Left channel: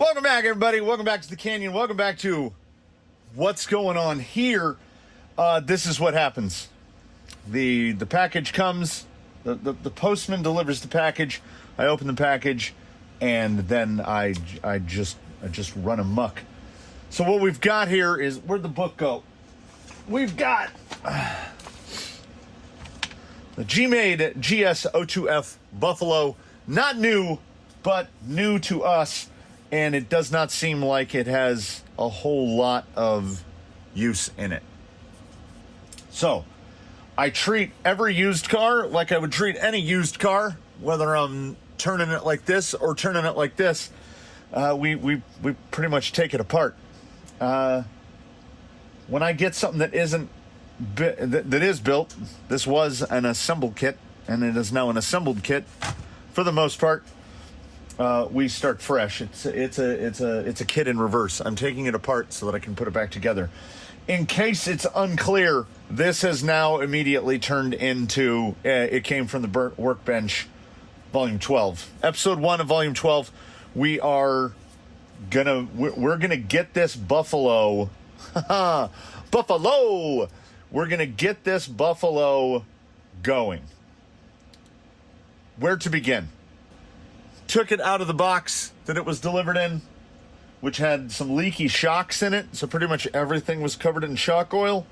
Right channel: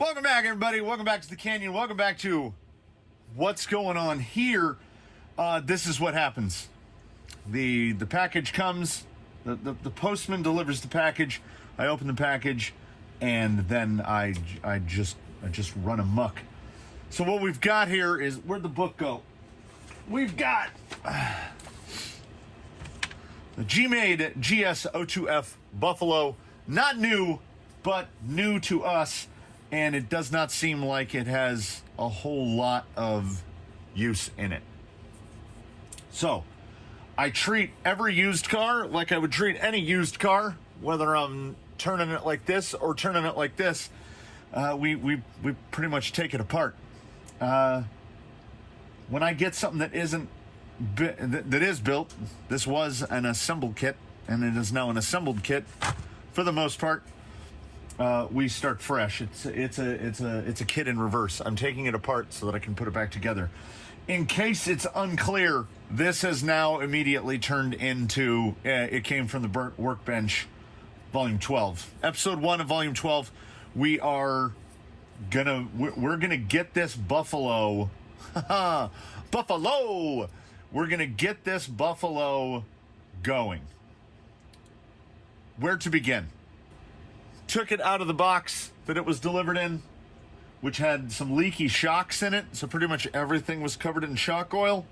Welcome back, everybody. Welcome back to the Canyon. Welcome back to what's going on here. This is what happens. The package comes. The postman delivers the package. I open the package, and then I just run amok. So what we've got here is, where'd the book go? We've got the G-Made GS02F Buffalo. Not new, but new to us. And it does not seem like it has a whole lot of use in it. So, I treat every used car like I would treat any used car, whether I'm turning it like this or turning it like this. We pretty much take it apart. When I get something that that is built, this was an assembled kit, and it is now an assembled kit for the most part. We start fresh. It's a kit in reverse. I'm taking it apart so that I can put it back together. In case it's unclear, this has now immediately turned into, it came from the workbench, Volume 12. Episode 1 of Volume 12, we're gonna get this Buffalo, Buffalo! We're gonna get this Buffalo going. Where to begin? Took it out of the box that it was delivered in, which had some leaky shocks in it, so pretty much everything was covered in shock oil.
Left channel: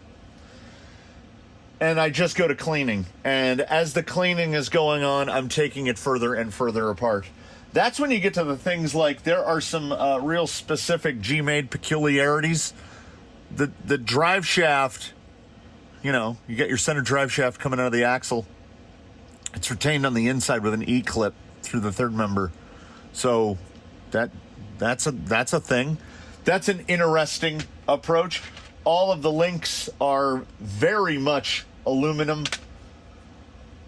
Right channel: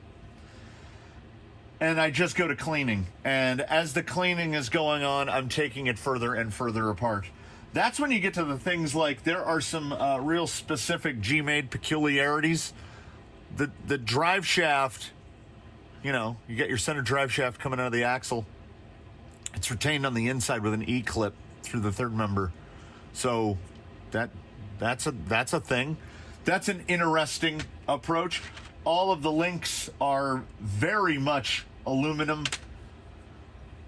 And I just go to cleaning. And as the cleaning is going on, I'm taking it further and further apart. That's when you get to the things like, there are some real specific G-Made peculiarities. The drive shaft, you get your center drive shaft coming out of the axle. It's retained on the inside with an E-clip through the third member. So that's a thing. That's an interesting approach. All of the links are very much aluminum.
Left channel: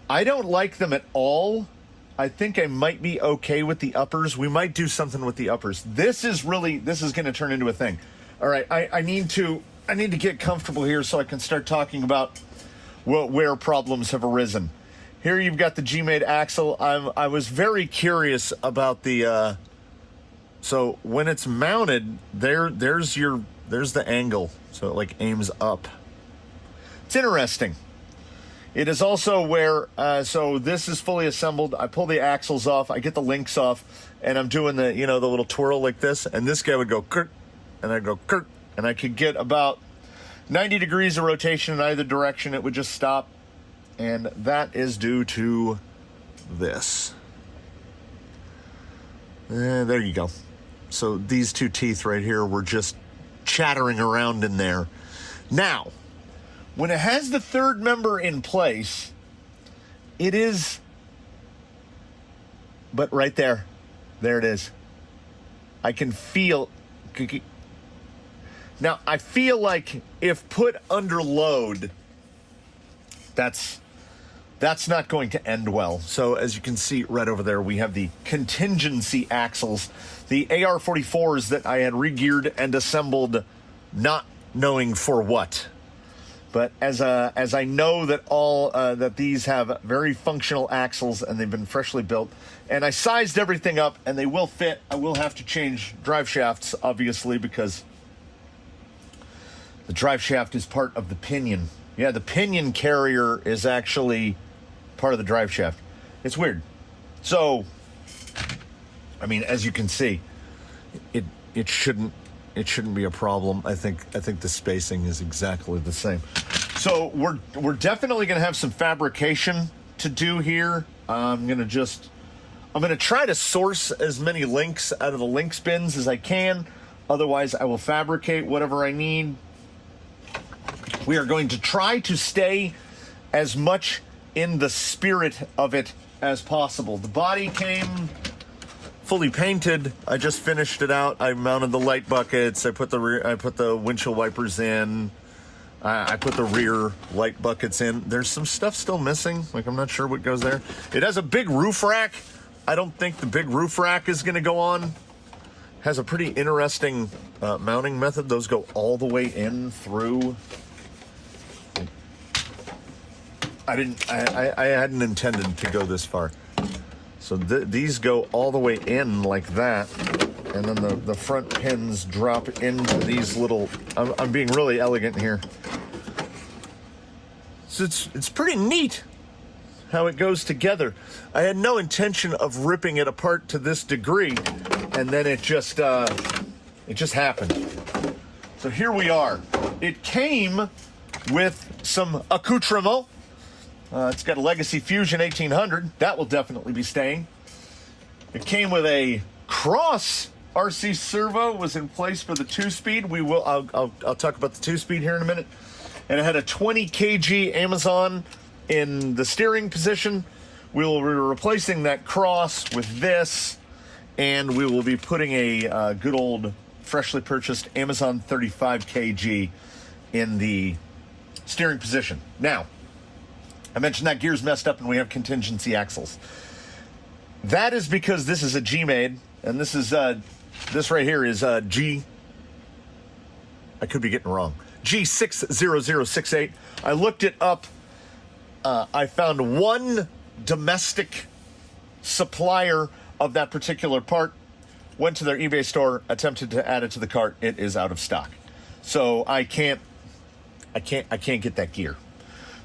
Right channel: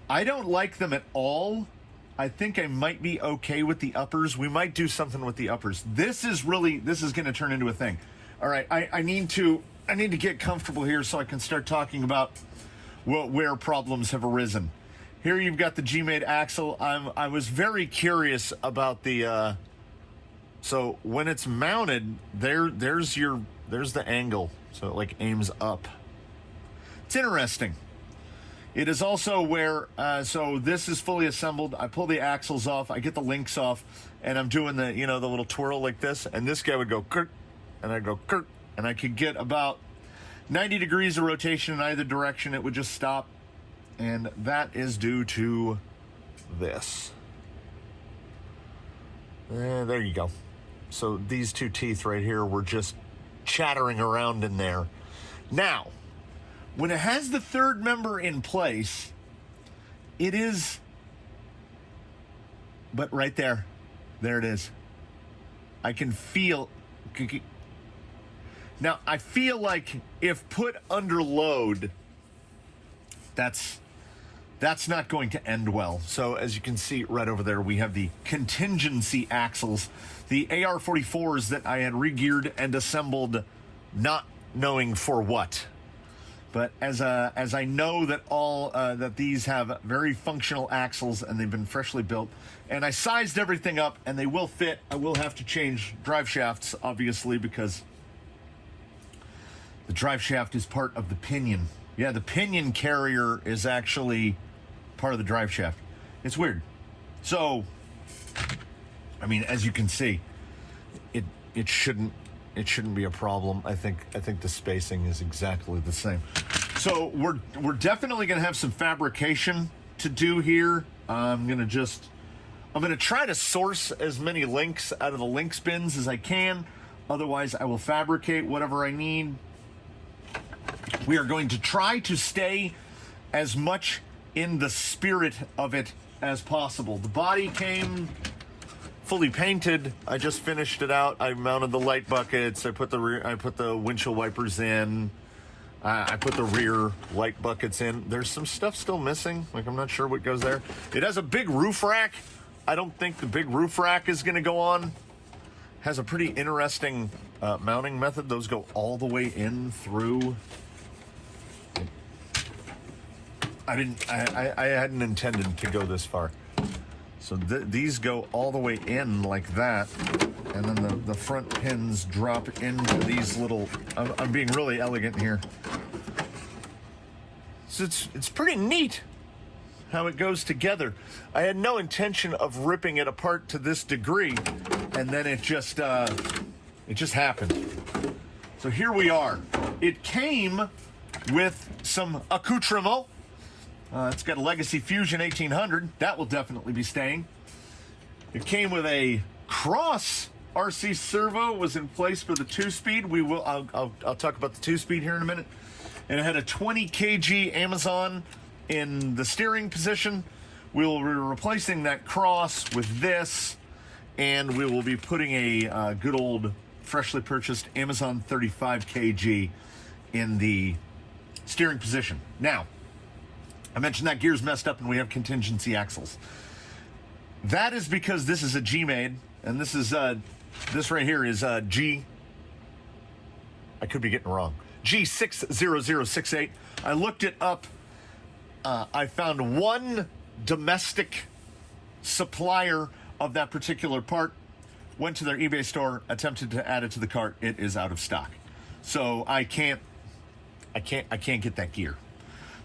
I don't like them at all. I think I might be okay with the uppers. We might do something with the uppers. This is going to turn into a thing. All right, I need to get comfortable here so I can start talking about where problems have arisen. Here you've got the G-Made axle. I was very curious about the, so when it's mounted, there's the angle. So it like aims up. It's interesting. It is also where, so this is fully assembled. I pull the axles off, I get the links off, and I'm doing the, the little twirl like this, and this guy would go kirk, and I'd go kirk, and I could get about 90 degrees of rotation in either direction. It would just stop. And that is due to this. There you go. So these two teeth right here were just chattering around in there. Now, when it has the third member in place, it is, but right there it is. I can feel, now I feel like if put under load, that's not going to end well. So as you can see right over there, we have the contingency axles, the AR-44s that I had re-geared and assembled, not knowing for what. But as I know that that these have very functional axles and they've been freshly built, and I sized everything up and they will fit. I will have to change drive shafts, obviously, because the drive shaft is part of the pinion. Yeah, the pinion carrier is actually part of the drive shaft. It's weird. So, I mean, as you can see, it shouldn't be a problem. I think the spacing is exactly the same. So we're definitely gonna have some fabrication to do here. I'm gonna try to source as many links out of the links bins as I can. Otherwise, I will fabricate whatever I need. We are going to try to stay as much in the spirit of it as possible. The body came fully painted. I just finished it out. I mounted the light buckets. I put the windshield wipers in. I put the rear light buckets in. There's some stuff still missing. Like, I'm not sure what goes there. It has a big roof rack. I don't think the big roof rack is going to go on. Has a pretty interesting mounting method. Those go all the way in through. I hadn't intended to go this far. So these go all the way in like that. And then the front pins drop into these little, I'm being really elegant here. So it's pretty neat how it goes together. I had no intention of ripping it apart to this degree, and then it just happened. So here we are. It came with some accoutrement. It's got a Legacy Fusion 1800. That will definitely be staying. It came with a cross RC servo, was in place for the 2-speed. I'll talk about the 2-speed here in a minute. And it had a 20 kg Amazon in the steering position. We will be replacing that cross with this, and we will be putting a good old freshly purchased Amazon 35 kg in the steering position. Now, I mentioned that gear's messed up and we have contingency axles. That is because this is a G-made, and this is this right here is G. I could be getting it wrong. G60068. I looked it up. I found one domestic supplier of that particular part. Went to their eBay store, attempted to add it to the cart. It is out of stock, so I can't get that gear.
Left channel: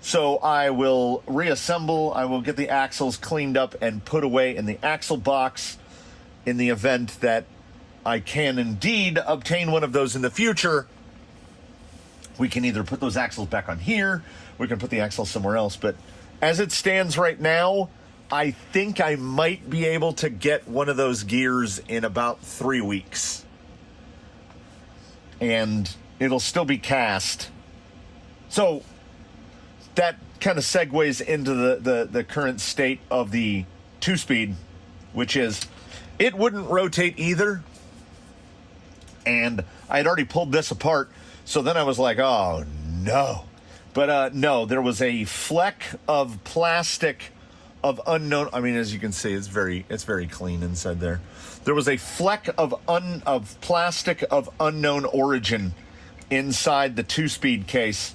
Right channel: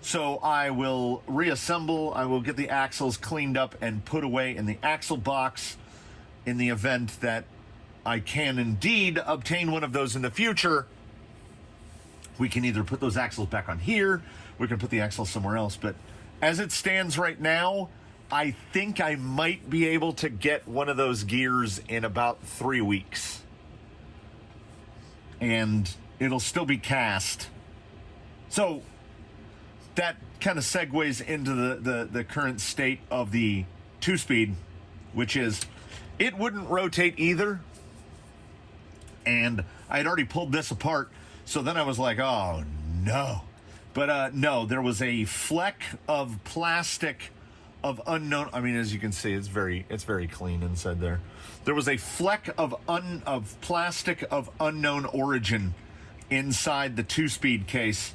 So I will reassemble. I will get the axles cleaned up and put away in the axle box. In the event that I can indeed obtain one of those in the future, we can either put those axles back on here, we can put the axles somewhere else. But as it stands right now, I think I might be able to get one of those gears in about 3 weeks. And it'll still be cast. So that kind of segues into the current state of the 2-speed, which is it wouldn't rotate either. And I had already pulled this apart, so then I was like, oh no. But no, there was a fleck of plastic of unknown, I mean, as you can see, it's very clean inside there. There was a fleck of plastic of unknown origin inside the 2-speed case,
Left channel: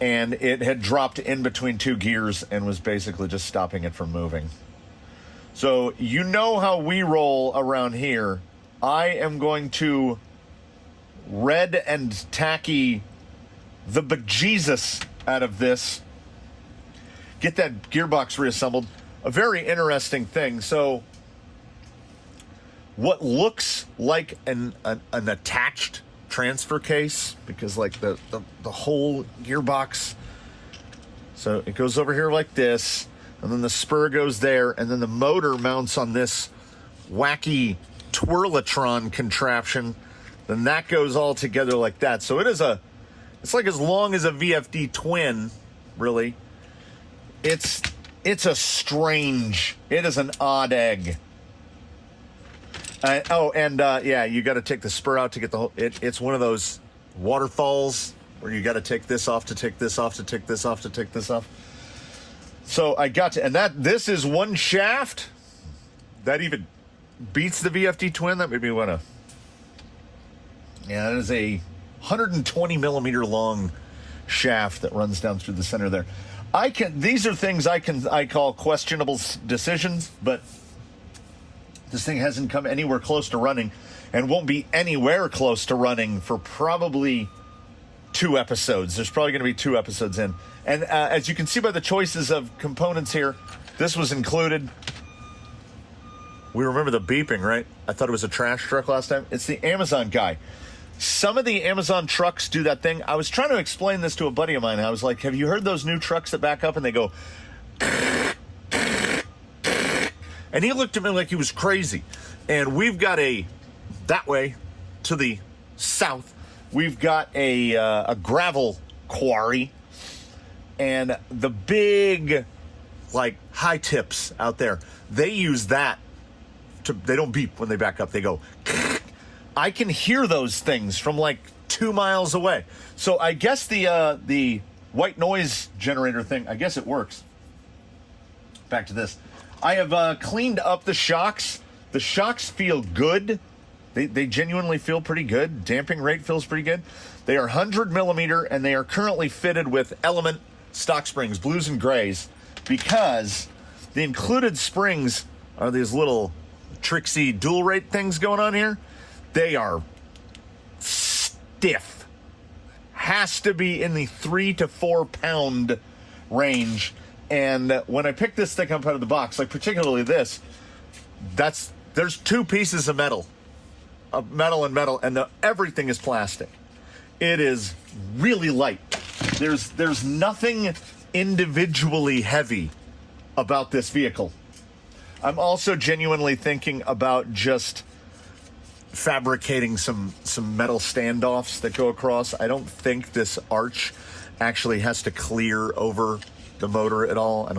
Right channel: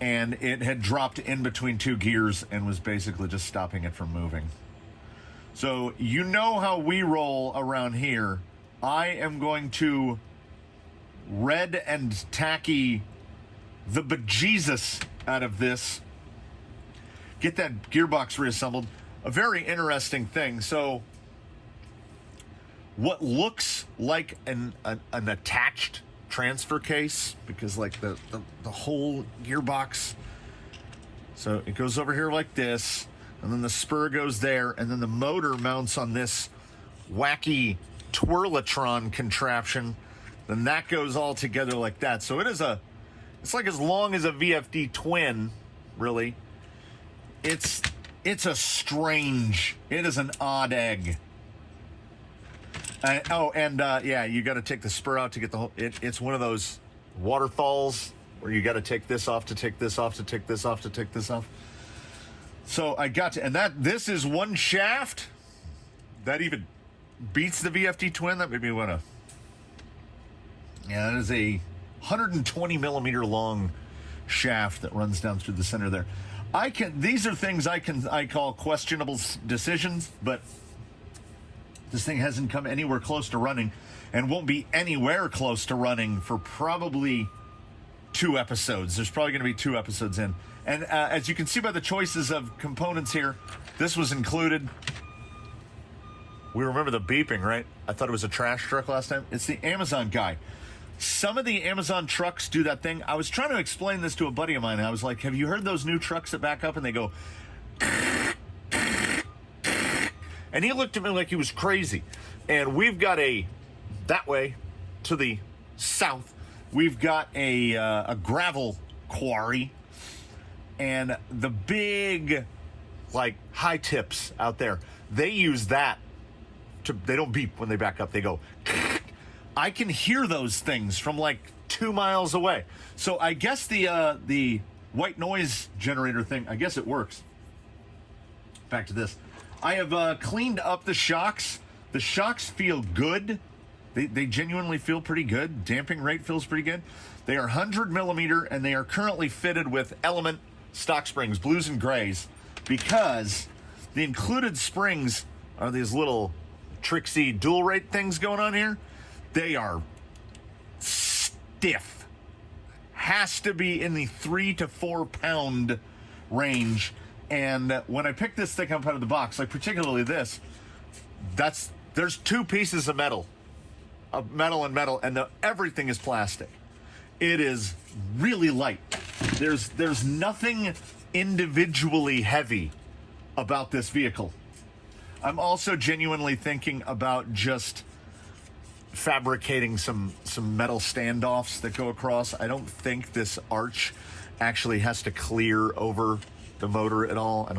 and it had dropped in between 2 gears and was basically just stopping it from moving. So you know how we roll around here. I am going to red and tacky the bejesus out of this. Get that gearbox reassembled. A very interesting thing. So what looks like an attached transfer case, because like the whole gearbox, so it goes over here like this, and then the spur goes there, and then the motor mounts on this wacky twirlatron contraption, then that goes all together like that. So it's like as long as a VFD twin, really. It is an odd egg. Yeah, you got to take the spur out to get the whole, it's one of those waterfalls where you got to take this off to take this off to take this off to take this off. So I got to, and this is one shaft that even beats the VFD twin. That made me want to, yeah, that is a 120 millimeter long shaft that runs down through the center there. These are things I call questionable decisions, but this thing hasn't come anywhere close to running and won't be anywhere close to running for probably 2 episodes. There's probably going to be 2 episodes in. And as you can see by the choices of components here, this was included. We remember the beeping, right? I thought it was a trash truck last time. It's the Amazon guy. Some of the Amazon trucks do that thing. I was trying to explain this to a buddy of mine. I was like, have you heard those new trucks that back up and they go... And he looked at me like he was crazy. And we've got that way to the south, we've got a gravel quarry. And the big, like, high tips out there, they use that. They don't beep when they back up. They go... I can hear those things from like 2 miles away. So I guess the white noise generator thing, I guess it works. Back to this. I have cleaned up the shocks. The shocks feel good. They genuinely feel pretty good. Damping rate feels pretty good. They are 100 millimeter, and they are currently fitted with Element stock springs, blues and grays, because the included springs are these little tricksy dual rate things going on here. They are stiff. Has to be in the 3 to 4 pound range. And when I picked this thing up out of the box, like particularly this, there's 2 pieces of metal and metal, and everything is plastic. It is really light. There's nothing individually heavy about this vehicle. I'm also genuinely thinking about just fabricating some metal standoffs that go across. I don't think this arch actually has to clear over the motor at all. I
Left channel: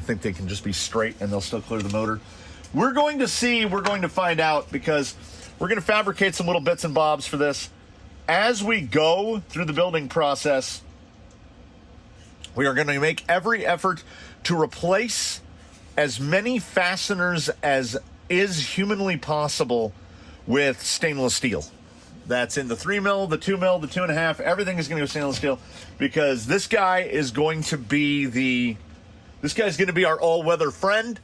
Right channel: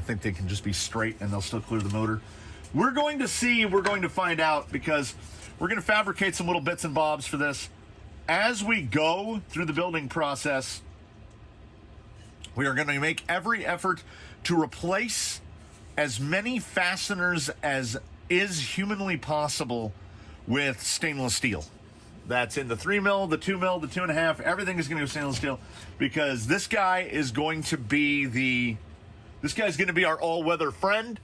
think they can just be straight and they'll still clear the motor. We're going to see, we're going to find out, because we're going to fabricate some little bits and bobs for this. As we go through the building process, we are going to make every effort to replace as many fasteners as is humanly possible with stainless steel. That's in the 3 mil, the 2 mil, the 2.5. Everything is going to go stainless steel, because this guy is going to be our all-weather friend.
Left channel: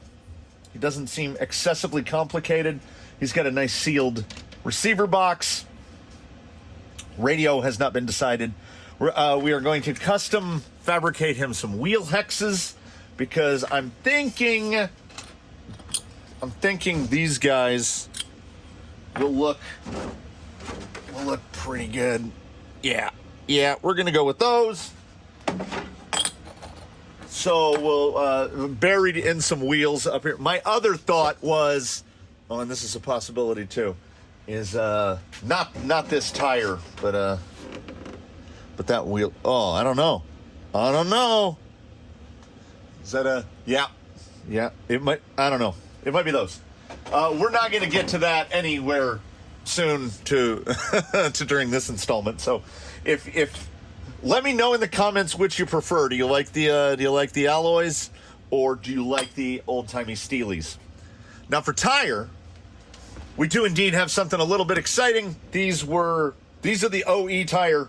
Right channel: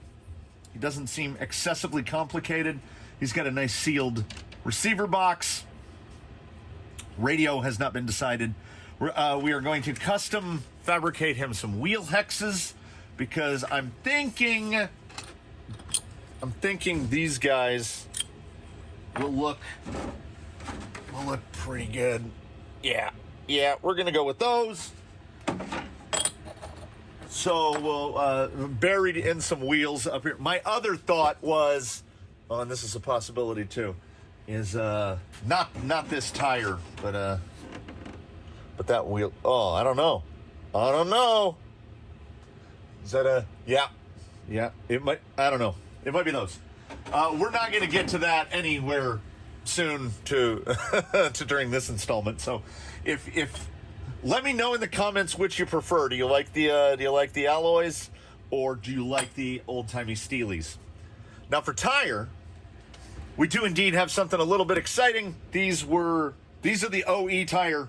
He doesn't seem excessively complicated. He's got a nice sealed receiver box. Radio has not been decided. We are going to custom fabricate him some wheel hexes, because I'm thinking these guys will look pretty good. Yeah, we're gonna go with those. So we'll buried in some wheels up here. My other thought was, and this is a possibility too, is not this tire, but that wheel. Oh, I don't know. Is that a yeah? It might. I don't know. It might be those. We're not going to get to that anywhere soon to during this installment. So if let me know in the comments which you prefer. Do you like the alloys, or do you like the old-timey steelies? Now for tire, we do indeed have something a little bit exciting. These are the OE tire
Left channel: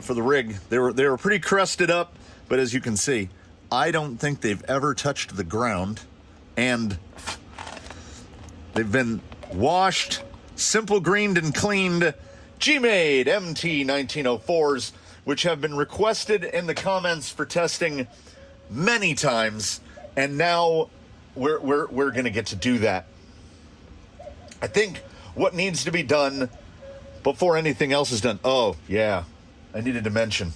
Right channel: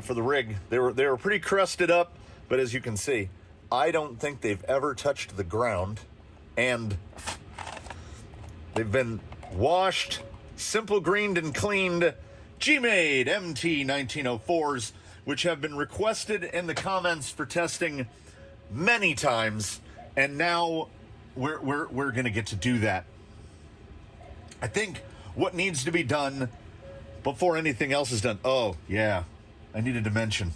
for the rig. They were pretty crusted up, but as you can see, I don't think they've ever touched the ground, and they've been washed, simple greened and cleaned G-Made MT 1904s, which have been requested in the comments for testing many times, and now we're going to get to do that. I think what needs to be done before anything else is done. Oh, yeah, I needed to mention.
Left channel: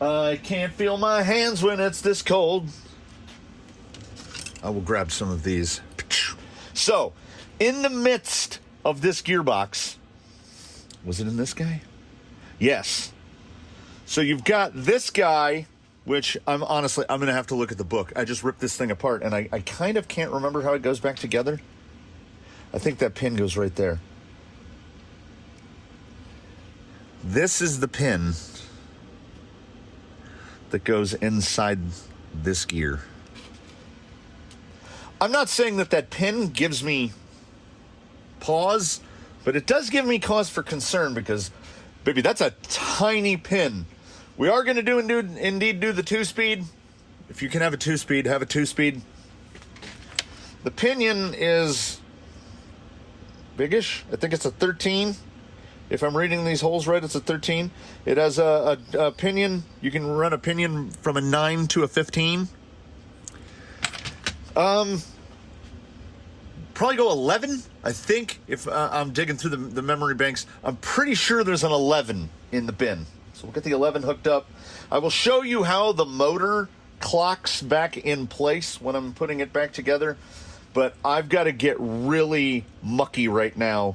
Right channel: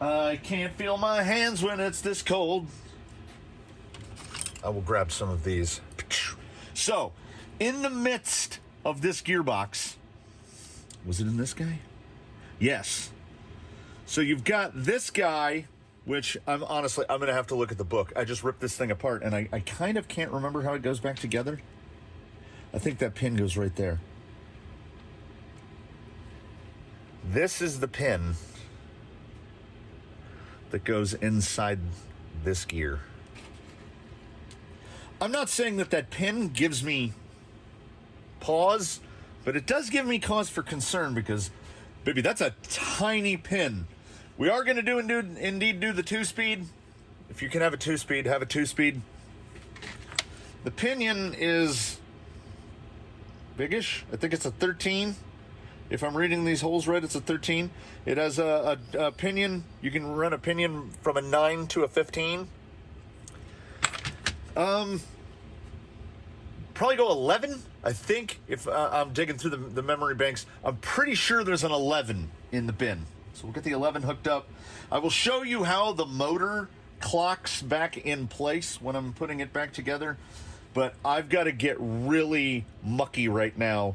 I can't feel my hands when it's this cold. I will grab some of these. So, in the midst of this gearbox, was it in this guy? Yes. So you've got this guy, which I'm going to have to look at the book. I just ripped this thing apart, and I kind of can't remember how it goes back together. I think that pin goes right there. This is the pin that goes inside this gear. I'm not saying that pin gives me pause, but it does give me cause for concern, because, baby, that's a tiny pin. We are going to indeed do the 2-speed. If you can have a 2-speed, have a 2-speed. The pinion is biggish. I think it's a 13. If I'm reading these holes right, it's a 13. It has a pinion. You can run a pinion from a 9 to a 15. Probably go 11, I think, if I'm digging through the memory banks. I'm pretty sure there's an 11 in the bin. So we'll get the 11 hooked up. I will show you how the motor clocks back in place when I'm putting it back together. But I've got to get really mucky right now.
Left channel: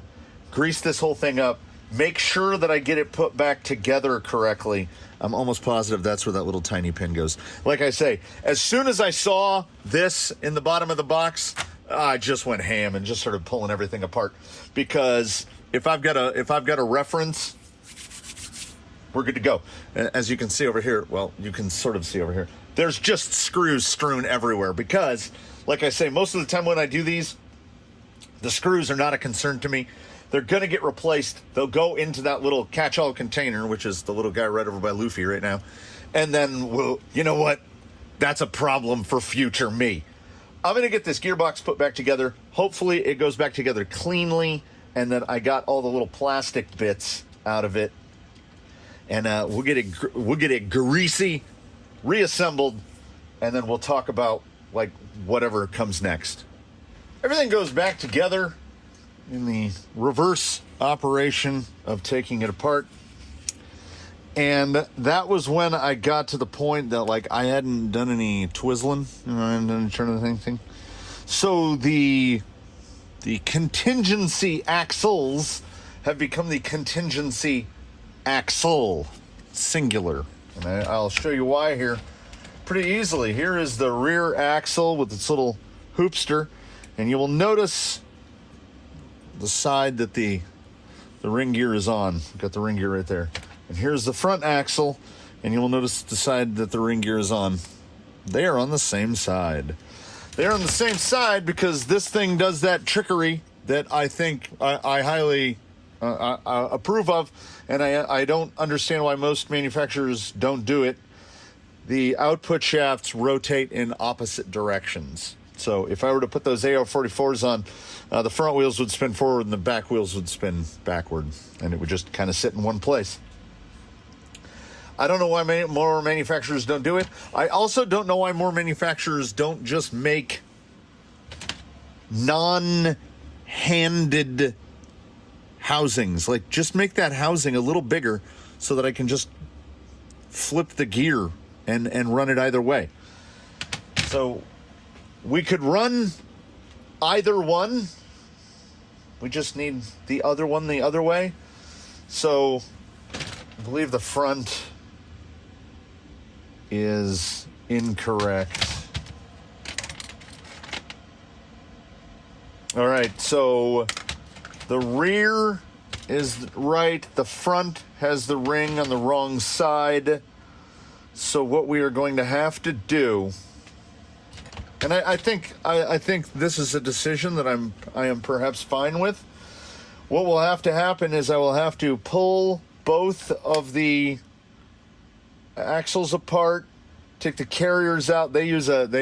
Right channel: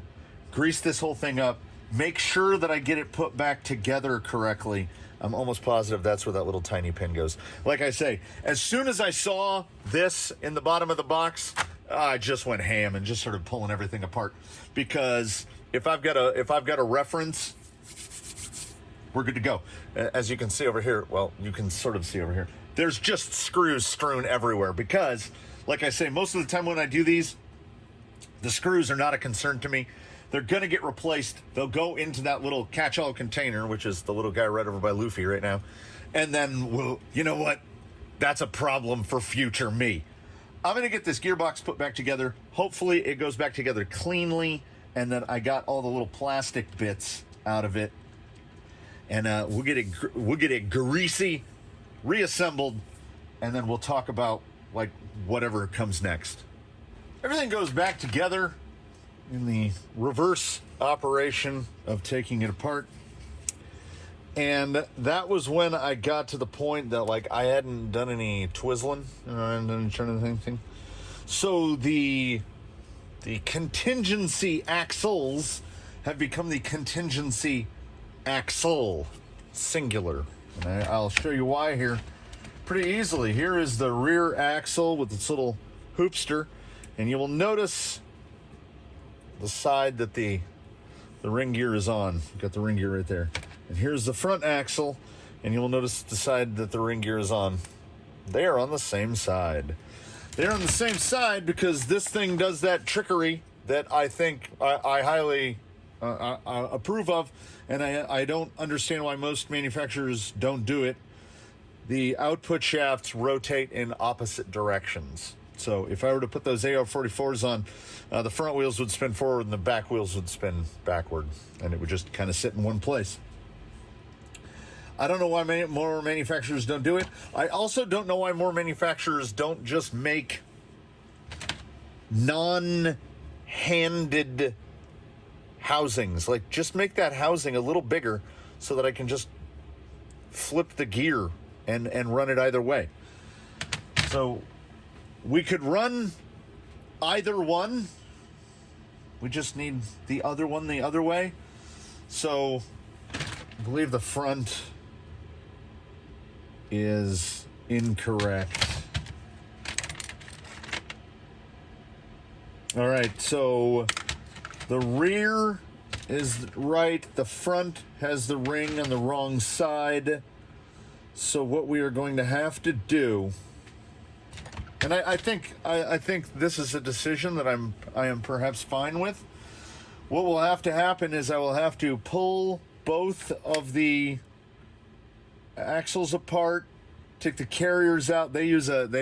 Grease this whole thing up. Make sure that I get it put back together correctly. I'm almost positive that's where that little tiny pin goes. Like I say, as soon as I saw this in the bottom of the box, I just went ham and just started pulling everything apart, because if I've got a reference, we're good to go. As you can see over here, well, you can sort of see over here, there's just screws strewn everywhere, because, like I say, most of the time when I do these, the screws are not a concern to me. They're going to get replaced. They'll go into that little catch-all container, which is the little guy right over by Luffy right now. And then, you know what? That's a problem for future me. I'm going to get this gearbox put back together. Hopefully it goes back together cleanly, and then I got all the little plastic bits out of it. And we'll get it greasy, reassembled, and then we'll talk about like whatever comes next. Everything goes back together in the reverse operation of taking it apart. And that was when I got to the point that like I hadn't done any twizzling, I hadn't done anything. So the contingency axles have become the contingency axle, singular. And I'll show you why here pretty easily. Here is the rear axle with its little hoopster, and you will notice the side that the ring gear is on. Got the ring gear right there. And here's the front axle, and you'll notice the side that the ring gear is on. They are on the same side. They are on the same side because this thing does that trickery that I think I highly approve of, and I don't understand why most manufacturers don't do it. The output shafts rotate in opposite directions. So if I were to put those AR44s on, the front wheels would spin forward and the back wheels would spin backward, and it would just kind of sit in one place. I don't know why more manufacturers don't do it. I also don't know why more manufacturers don't just make non-handed housings. Like, just make that housing a little bigger so that I can just flip the gear and run it either way. So we could run either one. We just need the other one the other way. So I believe the front is incorrect. All right, so the rear is right. The front has the ring on the wrong side. So what we are going to have to do, and I think this is a decision that I am perhaps fine with. What will have to happen is I will have to pull both of the axles apart, take the carriers out. They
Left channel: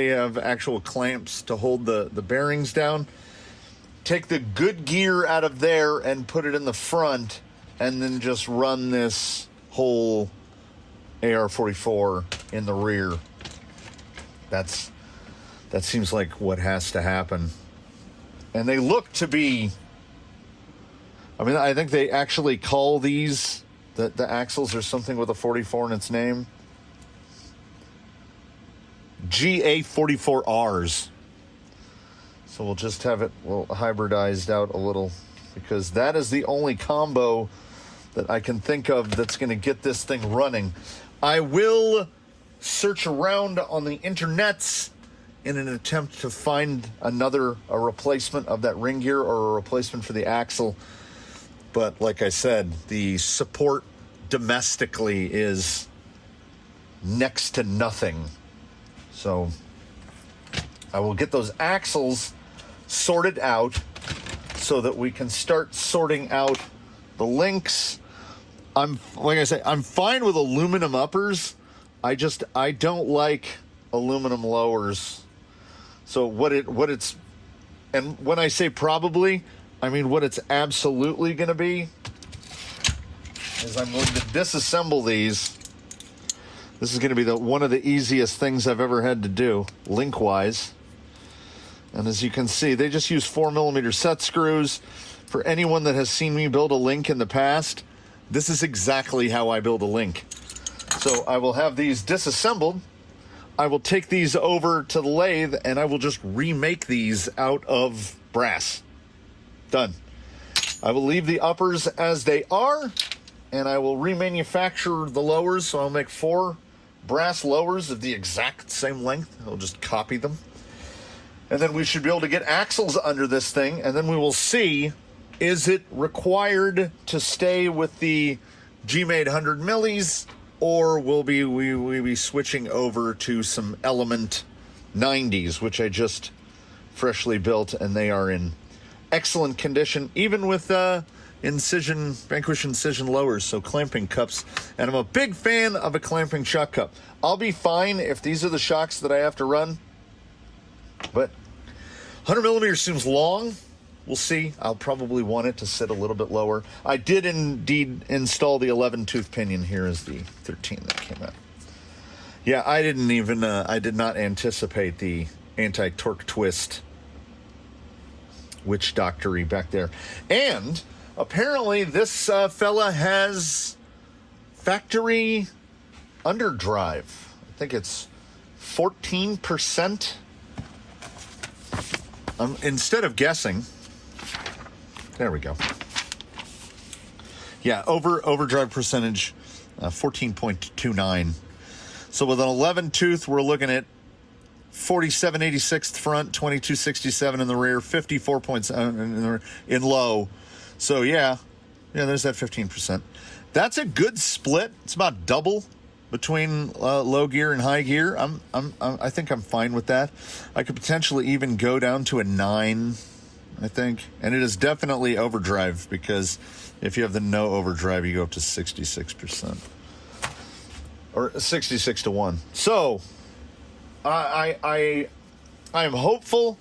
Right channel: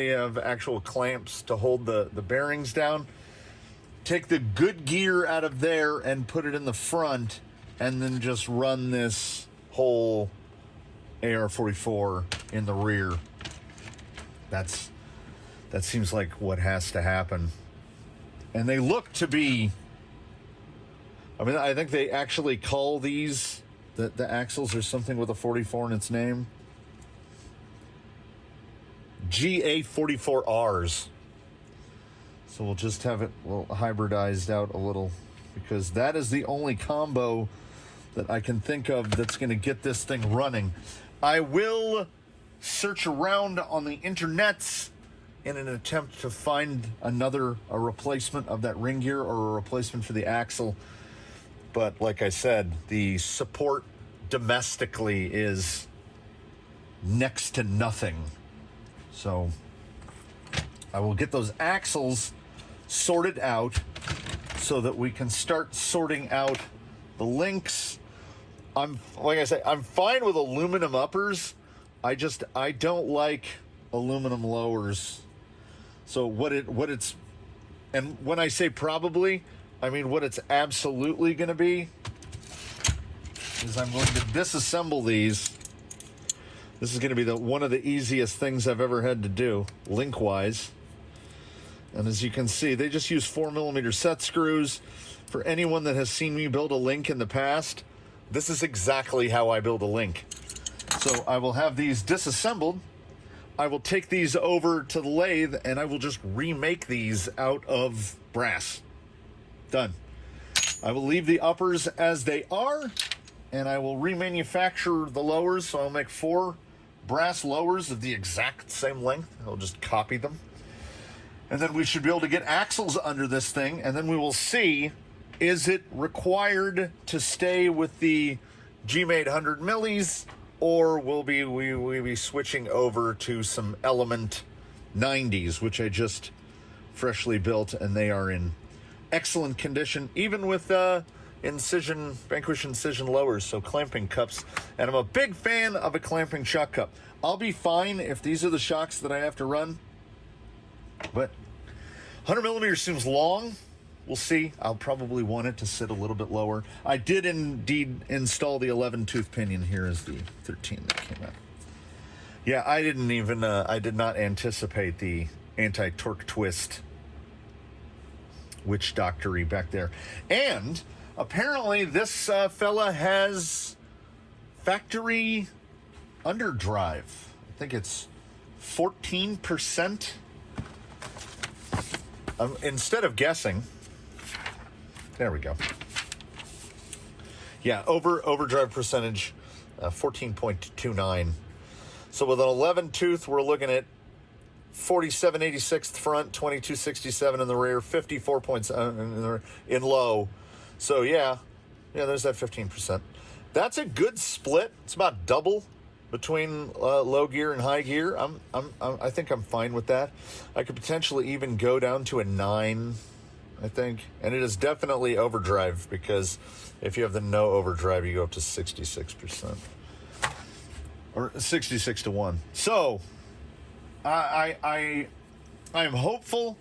have actual clamps to hold the bearings down. Take the good gear out of there and put it in the front, and then just run this whole AR44 in the rear. That seems like what has to happen. And they look to be, I mean, I think they actually call these, the axles or something with a 44 in its name, GA44Rs. So we'll just have it hybridized out a little, because that is the only combo that I can think of that's going to get this thing running. I will search around on the internets in an attempt to find a replacement of that ring gear or a replacement for the axle. But like I said, the support domestically is next to nothing. So I will get those axles sorted out so that we can start sorting out the links. Like I say, I'm fine with aluminum uppers. I don't like aluminum lowers. So what it's, and when I say probably, I mean what it's absolutely going to be is I'm going to disassemble these. This is going to be one of the easiest things I've ever had to do, link-wise. And as you can see, they just use 4mm set screws. For anyone that has seen me build a link in the past, this is exactly how I build a link. So I will have these disassembled. I will take these over to the lathe, and I will just remake these out of brass. Done. I will leave the uppers as they are, and I will remanufacture the lowers. So I'll make 4 brass lowers of the exact same length. I'll just copy them. And then we should be able to get axles under this thing, and then we will see, is it required to stay with the G-made 100 millis, or will we be switching over to some Element 90s, which I just freshly built, and they are in excellent condition, even with Vanquish incision lowers, so clamping cups. And I'm a big fan of a clamping shock cup. I'll be fine if these are the shocks that I have to run, but 100 millimeters seems long. We'll see. I'll probably want it to sit a little bit lower. I did indeed install the 11 tooth pinion. Here is the 13 that came out. Yeah, I did not anticipate the anti-torque twist witch doctory back there. And apparently this fella has factory underdrive. I think it's 14%. Instead of guessing, there we go. Yeah, overdrive percentage, 14.29. So with an 11 tooth, we're looking at 4786th front, 2267 in the rear, 54.7 in low. So yeah, there's that 15%. That's a good split. It's about double between low gear and high gear. I think I'm fine with that. I could potentially even go down to a 9, I think. And it is definitely overdrive, because if you have the no overdrive, you go up to 66%. Or 66 to 1. So I'm hopeful,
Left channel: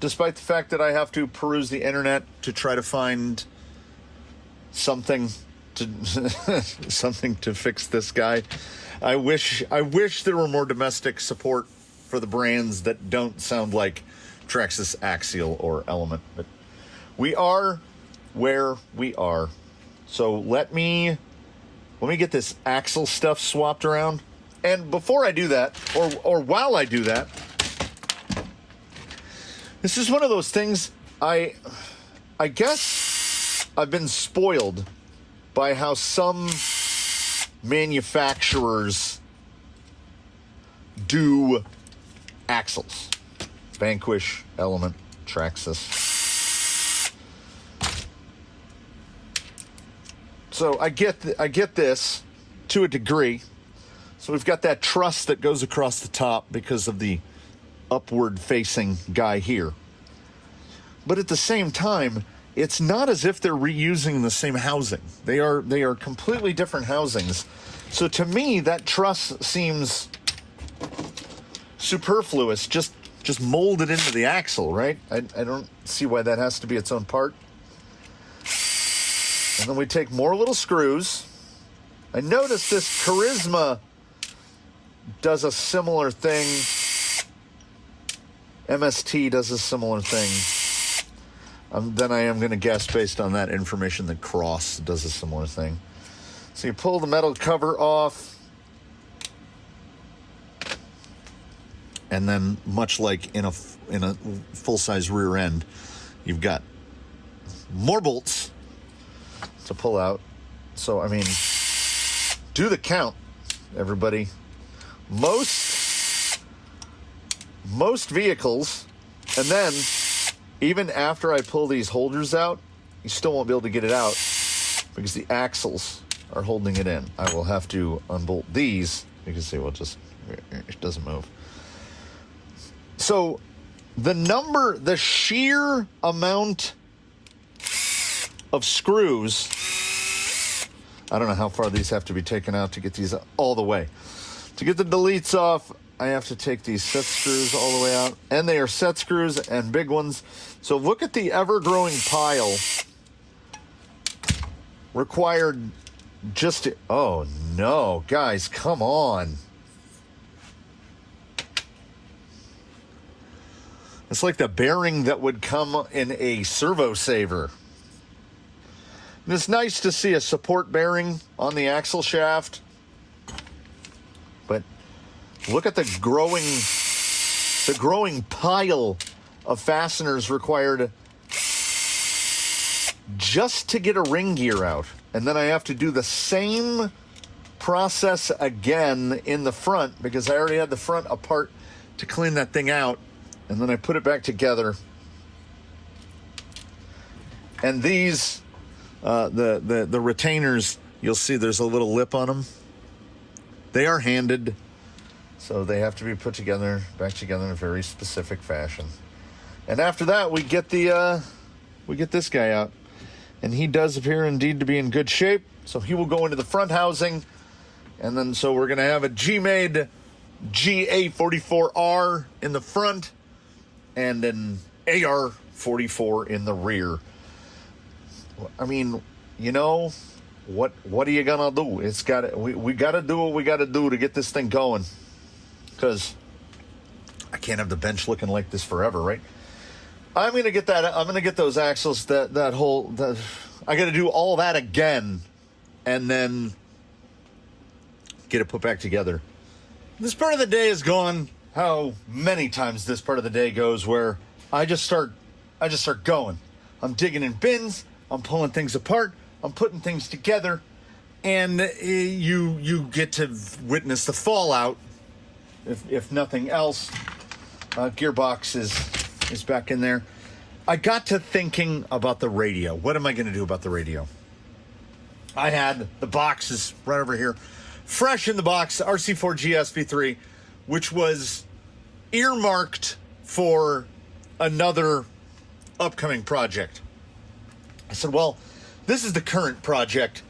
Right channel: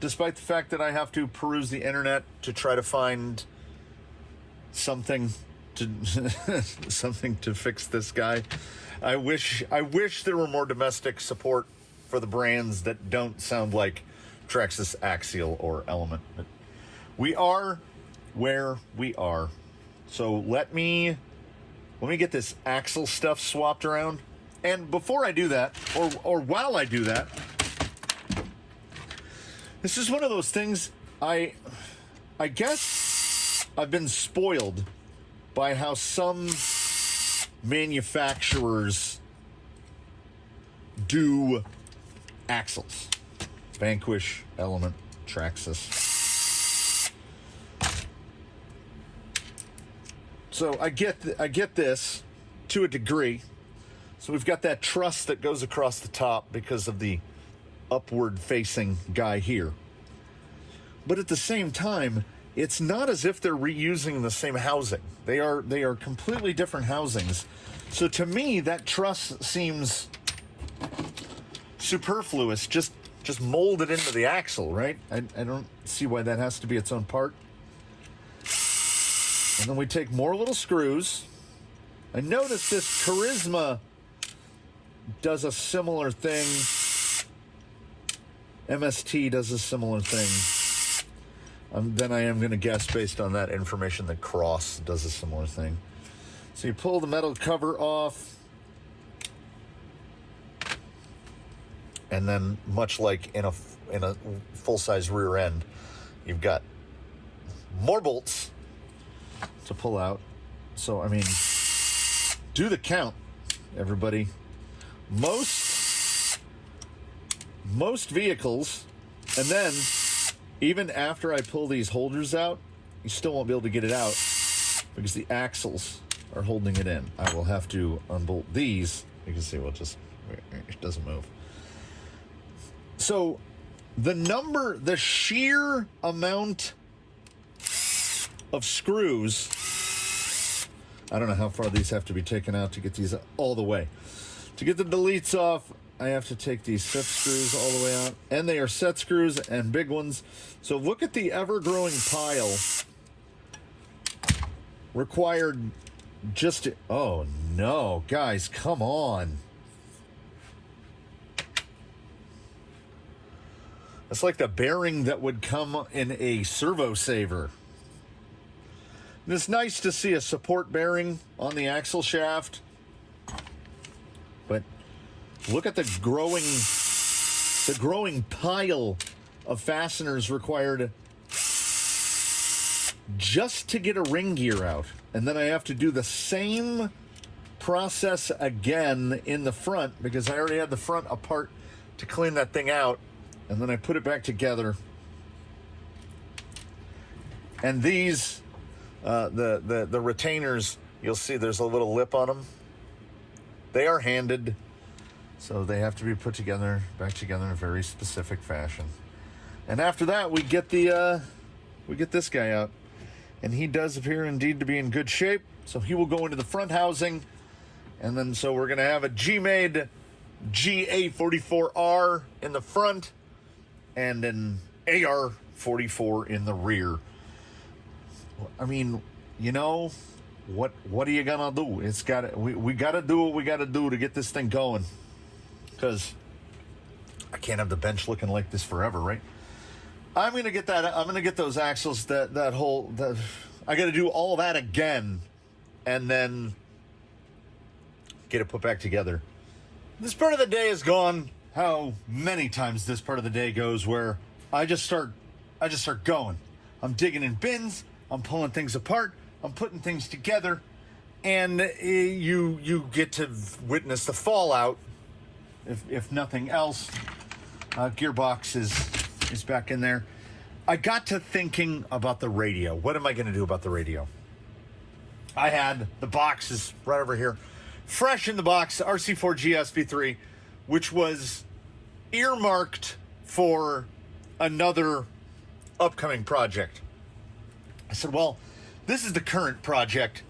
despite the fact that I have to peruse the internet to try to find something to fix this guy. I wish there were more domestic support for the brands that don't sound like Traxxas Axial or Element, but we are where we are. So let me get this axle stuff swapped around. And before I do that, or while I do that, this is one of those things, I guess I've been spoiled by how some manufacturers do axles. Vanquish, Element, Traxxas. So I get this to a degree. So we've got that truss that goes across the top because of the upward facing guy here. But at the same time, it's not as if they're reusing the same housing. They are completely different housings. So to me, that truss seems superfluous. Just mold it into the axle, right? I don't see why that has to be its own part. And then we take more little screws. I noticed this Charisma does a similar thing. MST does a similar thing. Then I am going to guess, based on that information, that Cross does a similar thing. So you pull the metal cover off, and then, much like in a full-size rear end, you've got more bolts to pull out. So I mean, do the count, everybody. Most vehicles, and then even after I pull these holders out, you still won't be able to get it out because the axles are holding it in. I will have to unbolt these. You can see, it doesn't move. So the sheer amount of screws, I don't know how far these have to be taken out to get these all the way. To get the deletes off, I have to take these set screws all the way out. And they are set screws and big ones. So look at the ever-growing pile required just to... Oh, no. Guys, come on. It's like the bearing that would come in a Servo saver. And it's nice to see a support bearing on the axle shaft. But look at the growing pile of fasteners required just to get a ring gear out. And then I have to do the same process again in the front, because I already had the front apart to clean that thing out. And then I put it back together. And these, the retainers, you'll see there's a little lip on them. They are handed, so they have to be put together, back together in a very specific fashion. And after that, we get this guy out, and he does appear indeed to be in good shape. So he will go into the front housing, and then so we're going to have a G-made GA44R in the front, and an AR-44 in the rear. I mean, you know, what are you gonna do? We gotta do what we gotta do to get this thing going, because I can't have the bench looking like this forever, right? I'm gonna get those axles, I gotta do all that again, and then get it put back together. This part of the day is gone how many times this part of the day goes, where I just start going. I'm digging in bins, I'm pulling things apart, I'm putting things together, and you get to witness the fallout, if nothing else. Gearbox is back in there. I got to thinking about the radio. What am I going to do about the radio? I had the boxes right over here, fresh in the box, RC4G SV3, which was earmarked for another upcoming project. I said, well, this is the current project.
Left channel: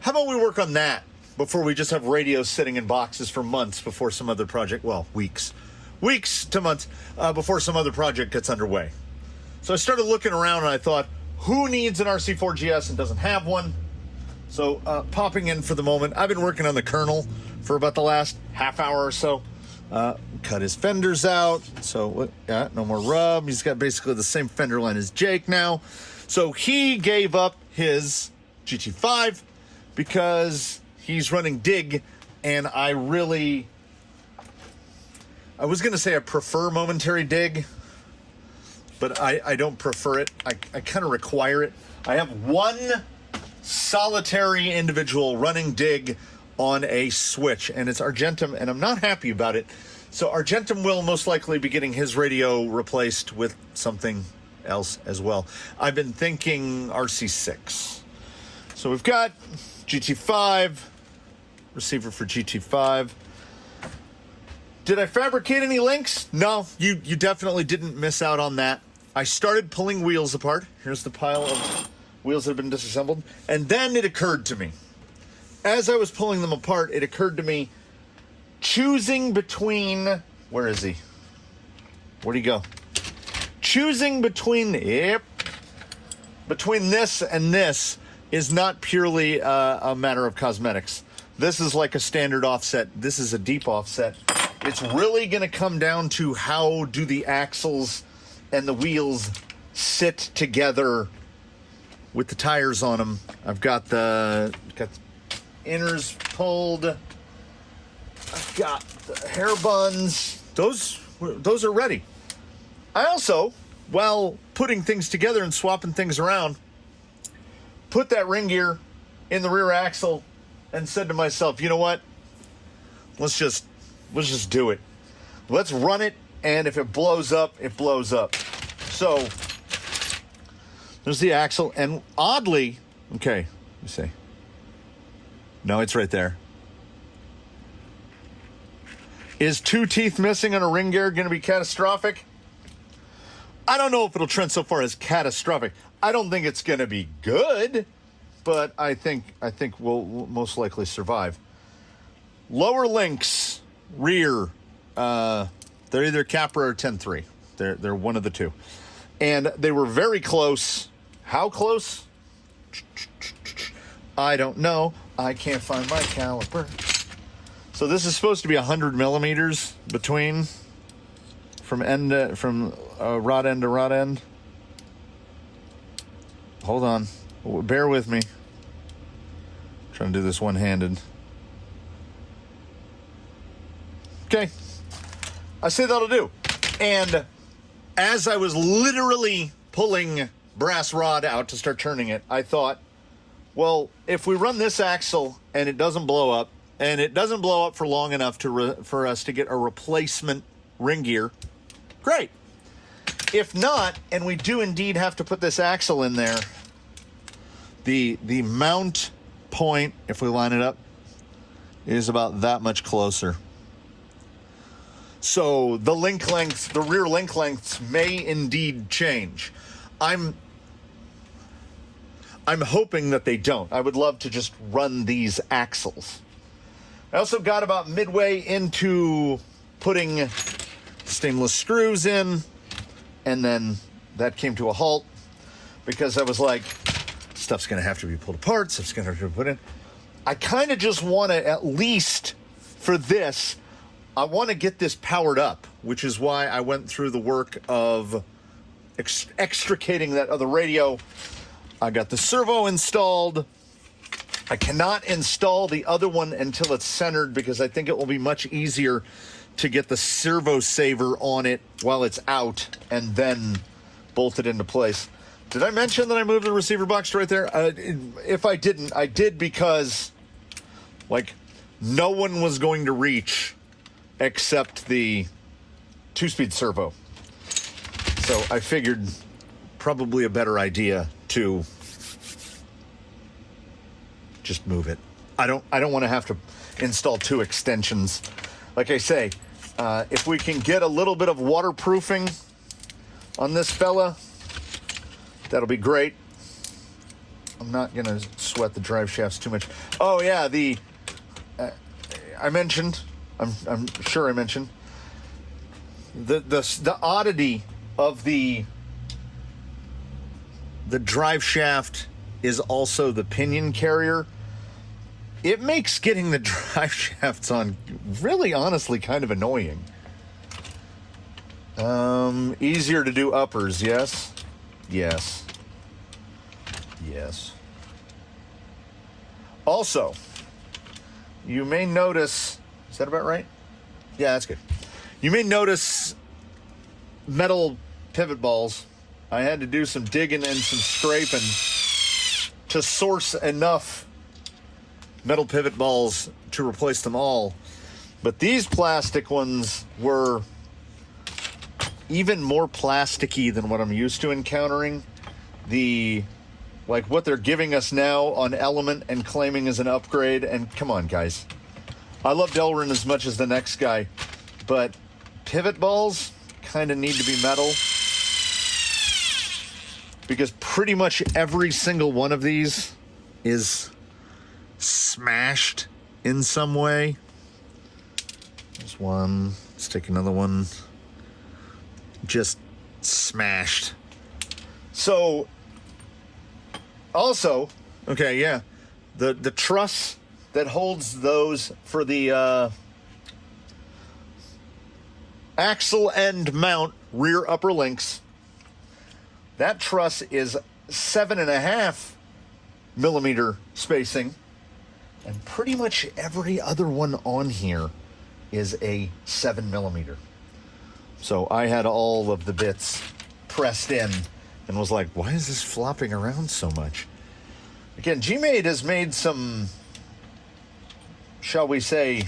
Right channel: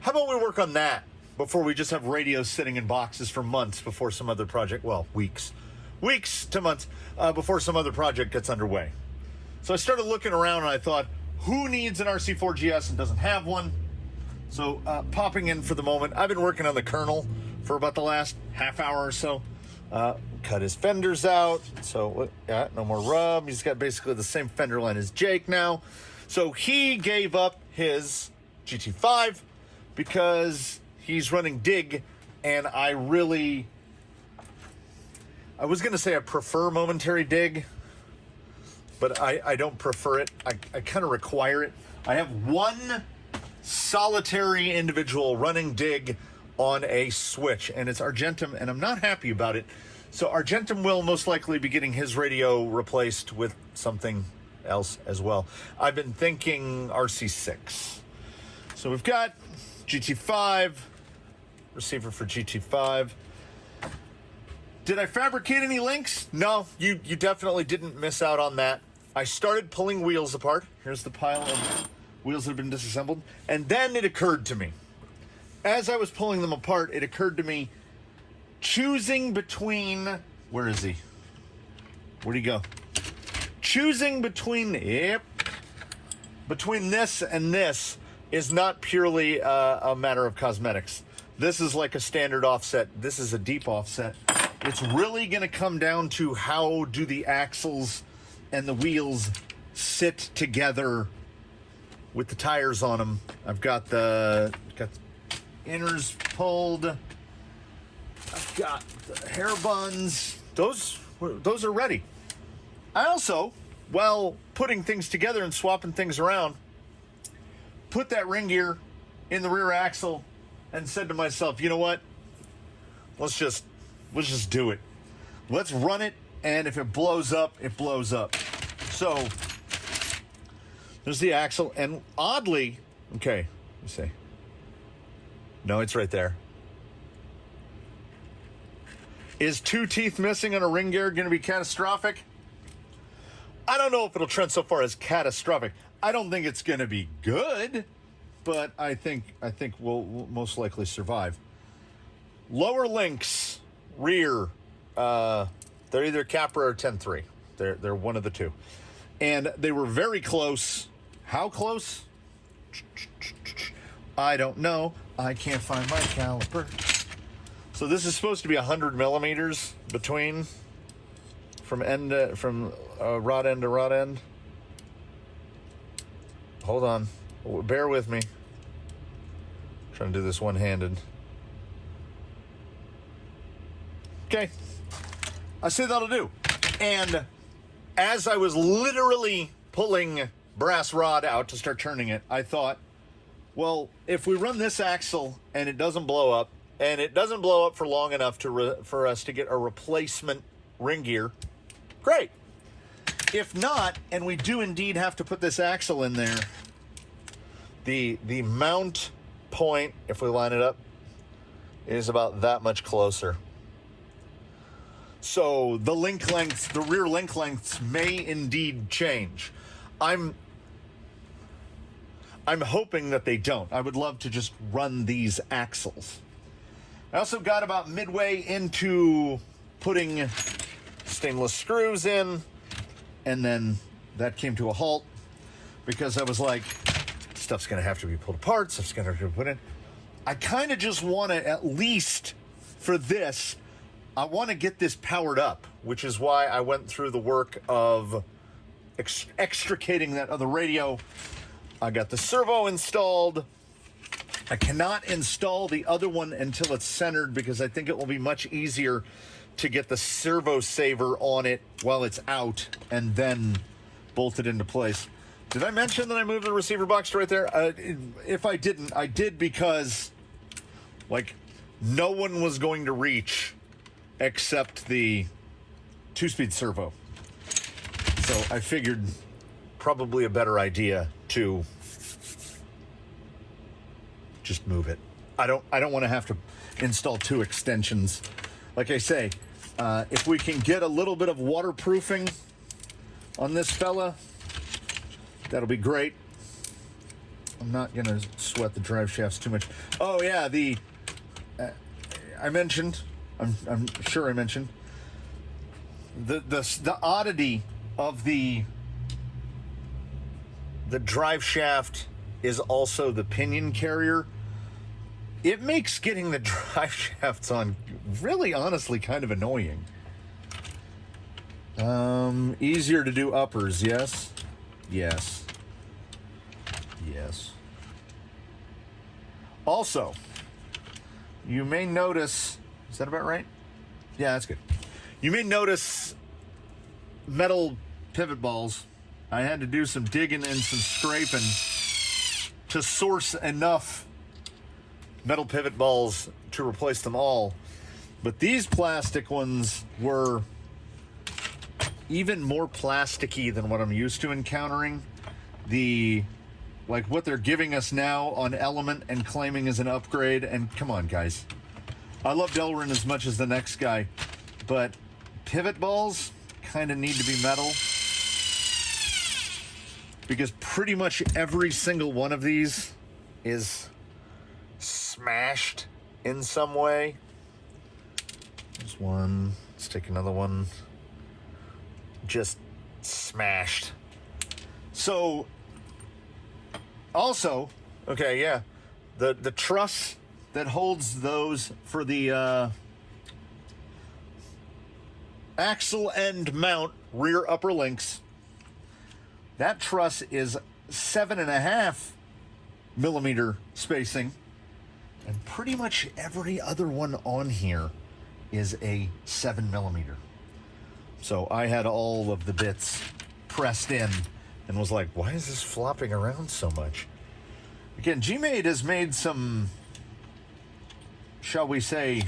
How about we work on that before we just have radios sitting in boxes for months before some other project, well, weeks to months before some other project gets underway. So I started looking around and I thought, who needs an RC4GS and doesn't have one? So popping in for the moment, I've been working on the kernel for about the last half hour or so. Cut his fenders out, so no more rub. He's got basically the same fender line as Jake now. So he gave up his GT5 because he's running dig, and I was going to say I prefer momentary dig, but I don't prefer it. I kind of require it. I have one solitary individual running dig on a switch, and it's Argentum, and I'm not happy about it. So Argentum will most likely be getting his radio replaced with something else as well. I've been thinking RC6. So we've got GT5, receiver for GT5. Did I fabricate any links? No, you definitely didn't miss out on that. I started pulling wheels apart. Here's the pile of wheels that have been disassembled. And then it occurred to me, as I was pulling them apart, it occurred to me, choosing between, where is he? Where'd he go? Choosing between this and this is not purely a matter of cosmetics. This is like a standard offset. This is a deep offset. It's really going to come down to how do the axles and the wheels sit together with the tires on them. I've got the inners pulled. I've got the hair buns. Those are ready. I also, while putting things together and swapping things around, put that ring gear in the rear axle and said to myself, you know what? Let's just do it. Let's run it, and if it blows up, it blows up. So there's the axle, and oddly, okay, let me see. No, it's right there. Is 2 teeth missing on a ring gear going to be catastrophic? I don't know if it'll trend so far as catastrophic. I don't think it's going to be good, but I think we'll most likely survive. Lower links, rear, they're either Capra or 10.3. They're one of the two. And they were very close. How close? I don't know. I can't find my caliper. So this is supposed to be 100 millimeters between from rod end to rod end. Hold on. Bear with me. I'm trying to do this one-handed. Okay. I say that'll do. And as I was literally pulling brass rod out to start turning it, I thought, well, if we run this axle and it doesn't blow up, and it doesn't blow up for long enough for us to get a replacement ring gear, great. If not, and we do indeed have to put this axle in there, the mount point, if we line it up, is about that much closer. So the link lengths, the rear link lengths may indeed change. I'm hoping that they don't. I would love to just run these axles. I also got about midway into putting stainless screws in. and then that came to a halt because I was like, stuff's going to have to be pulled apart, stuff's going to have to be put in. I kind of just want to, at least for this, I want to get this powered up, which is why I went through the work of extricating that other radio. I got the servo installed. I cannot install the other one until it's centered because I think it will be much easier to get the servo saver on it while it's out and then bolt it into place. Did I mention that I moved the receiver box to right there? If I didn't, I did because, like, no one was going to reach except the 2-speed servo. So I figured probably a better idea to just move it. I don't want to have to install 2 extensions. Like I say, if we can get a little bit of waterproofing on this fella, that'll be great. I'm not going to sweat the drive shafts too much. Oh yeah, I mentioned, I'm sure I mentioned, the oddity of the drive shaft is also the pinion carrier. It makes getting the drive shafts on really honestly kind of annoying. Easier to do uppers, yes? Yes. Yes. Also, you may notice, is that about right? Yeah, that's good. You may notice metal pivot balls. I had to do some digging and some scraping to source enough metal pivot balls to replace them all. But these plastic ones were even more plasticky than what I'm used to encountering. Like what they're giving us now on Element and claiming as an upgrade. And come on, guys. I love Delrin as much as the next guy, but pivot balls kind of need to be metal because pretty much every single one of these is smashed in some way. There's one. Let's take another one. Just smashed. So, also, okay, yeah, the truss that holds those for the axle end mount rear upper links, that truss is 7.5 millimeter spacing, and pretty much every other one on here is a 7 millimeter. So I had all of the bits pressed in and was like, why is this flopping around so much? Again, G-Made has made some, shall we say,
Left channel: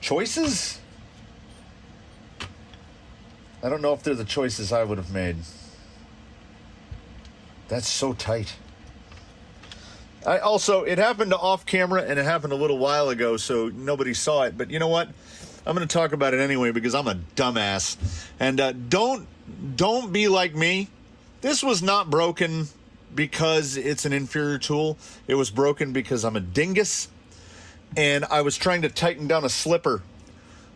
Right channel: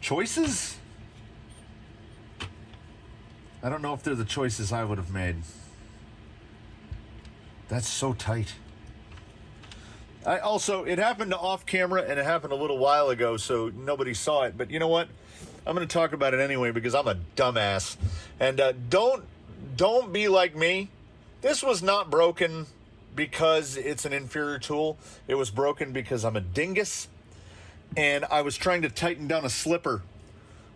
choices? I don't know if they're the choices I would have made. That's so tight. It happened off camera and it happened a little while ago, so nobody saw it. But you know what? I'm going to talk about it anyway because I'm a dumbass. And don't be like me. This was not broken because it's an inferior tool. It was broken because I'm a dingus and I was trying to tighten down a slipper.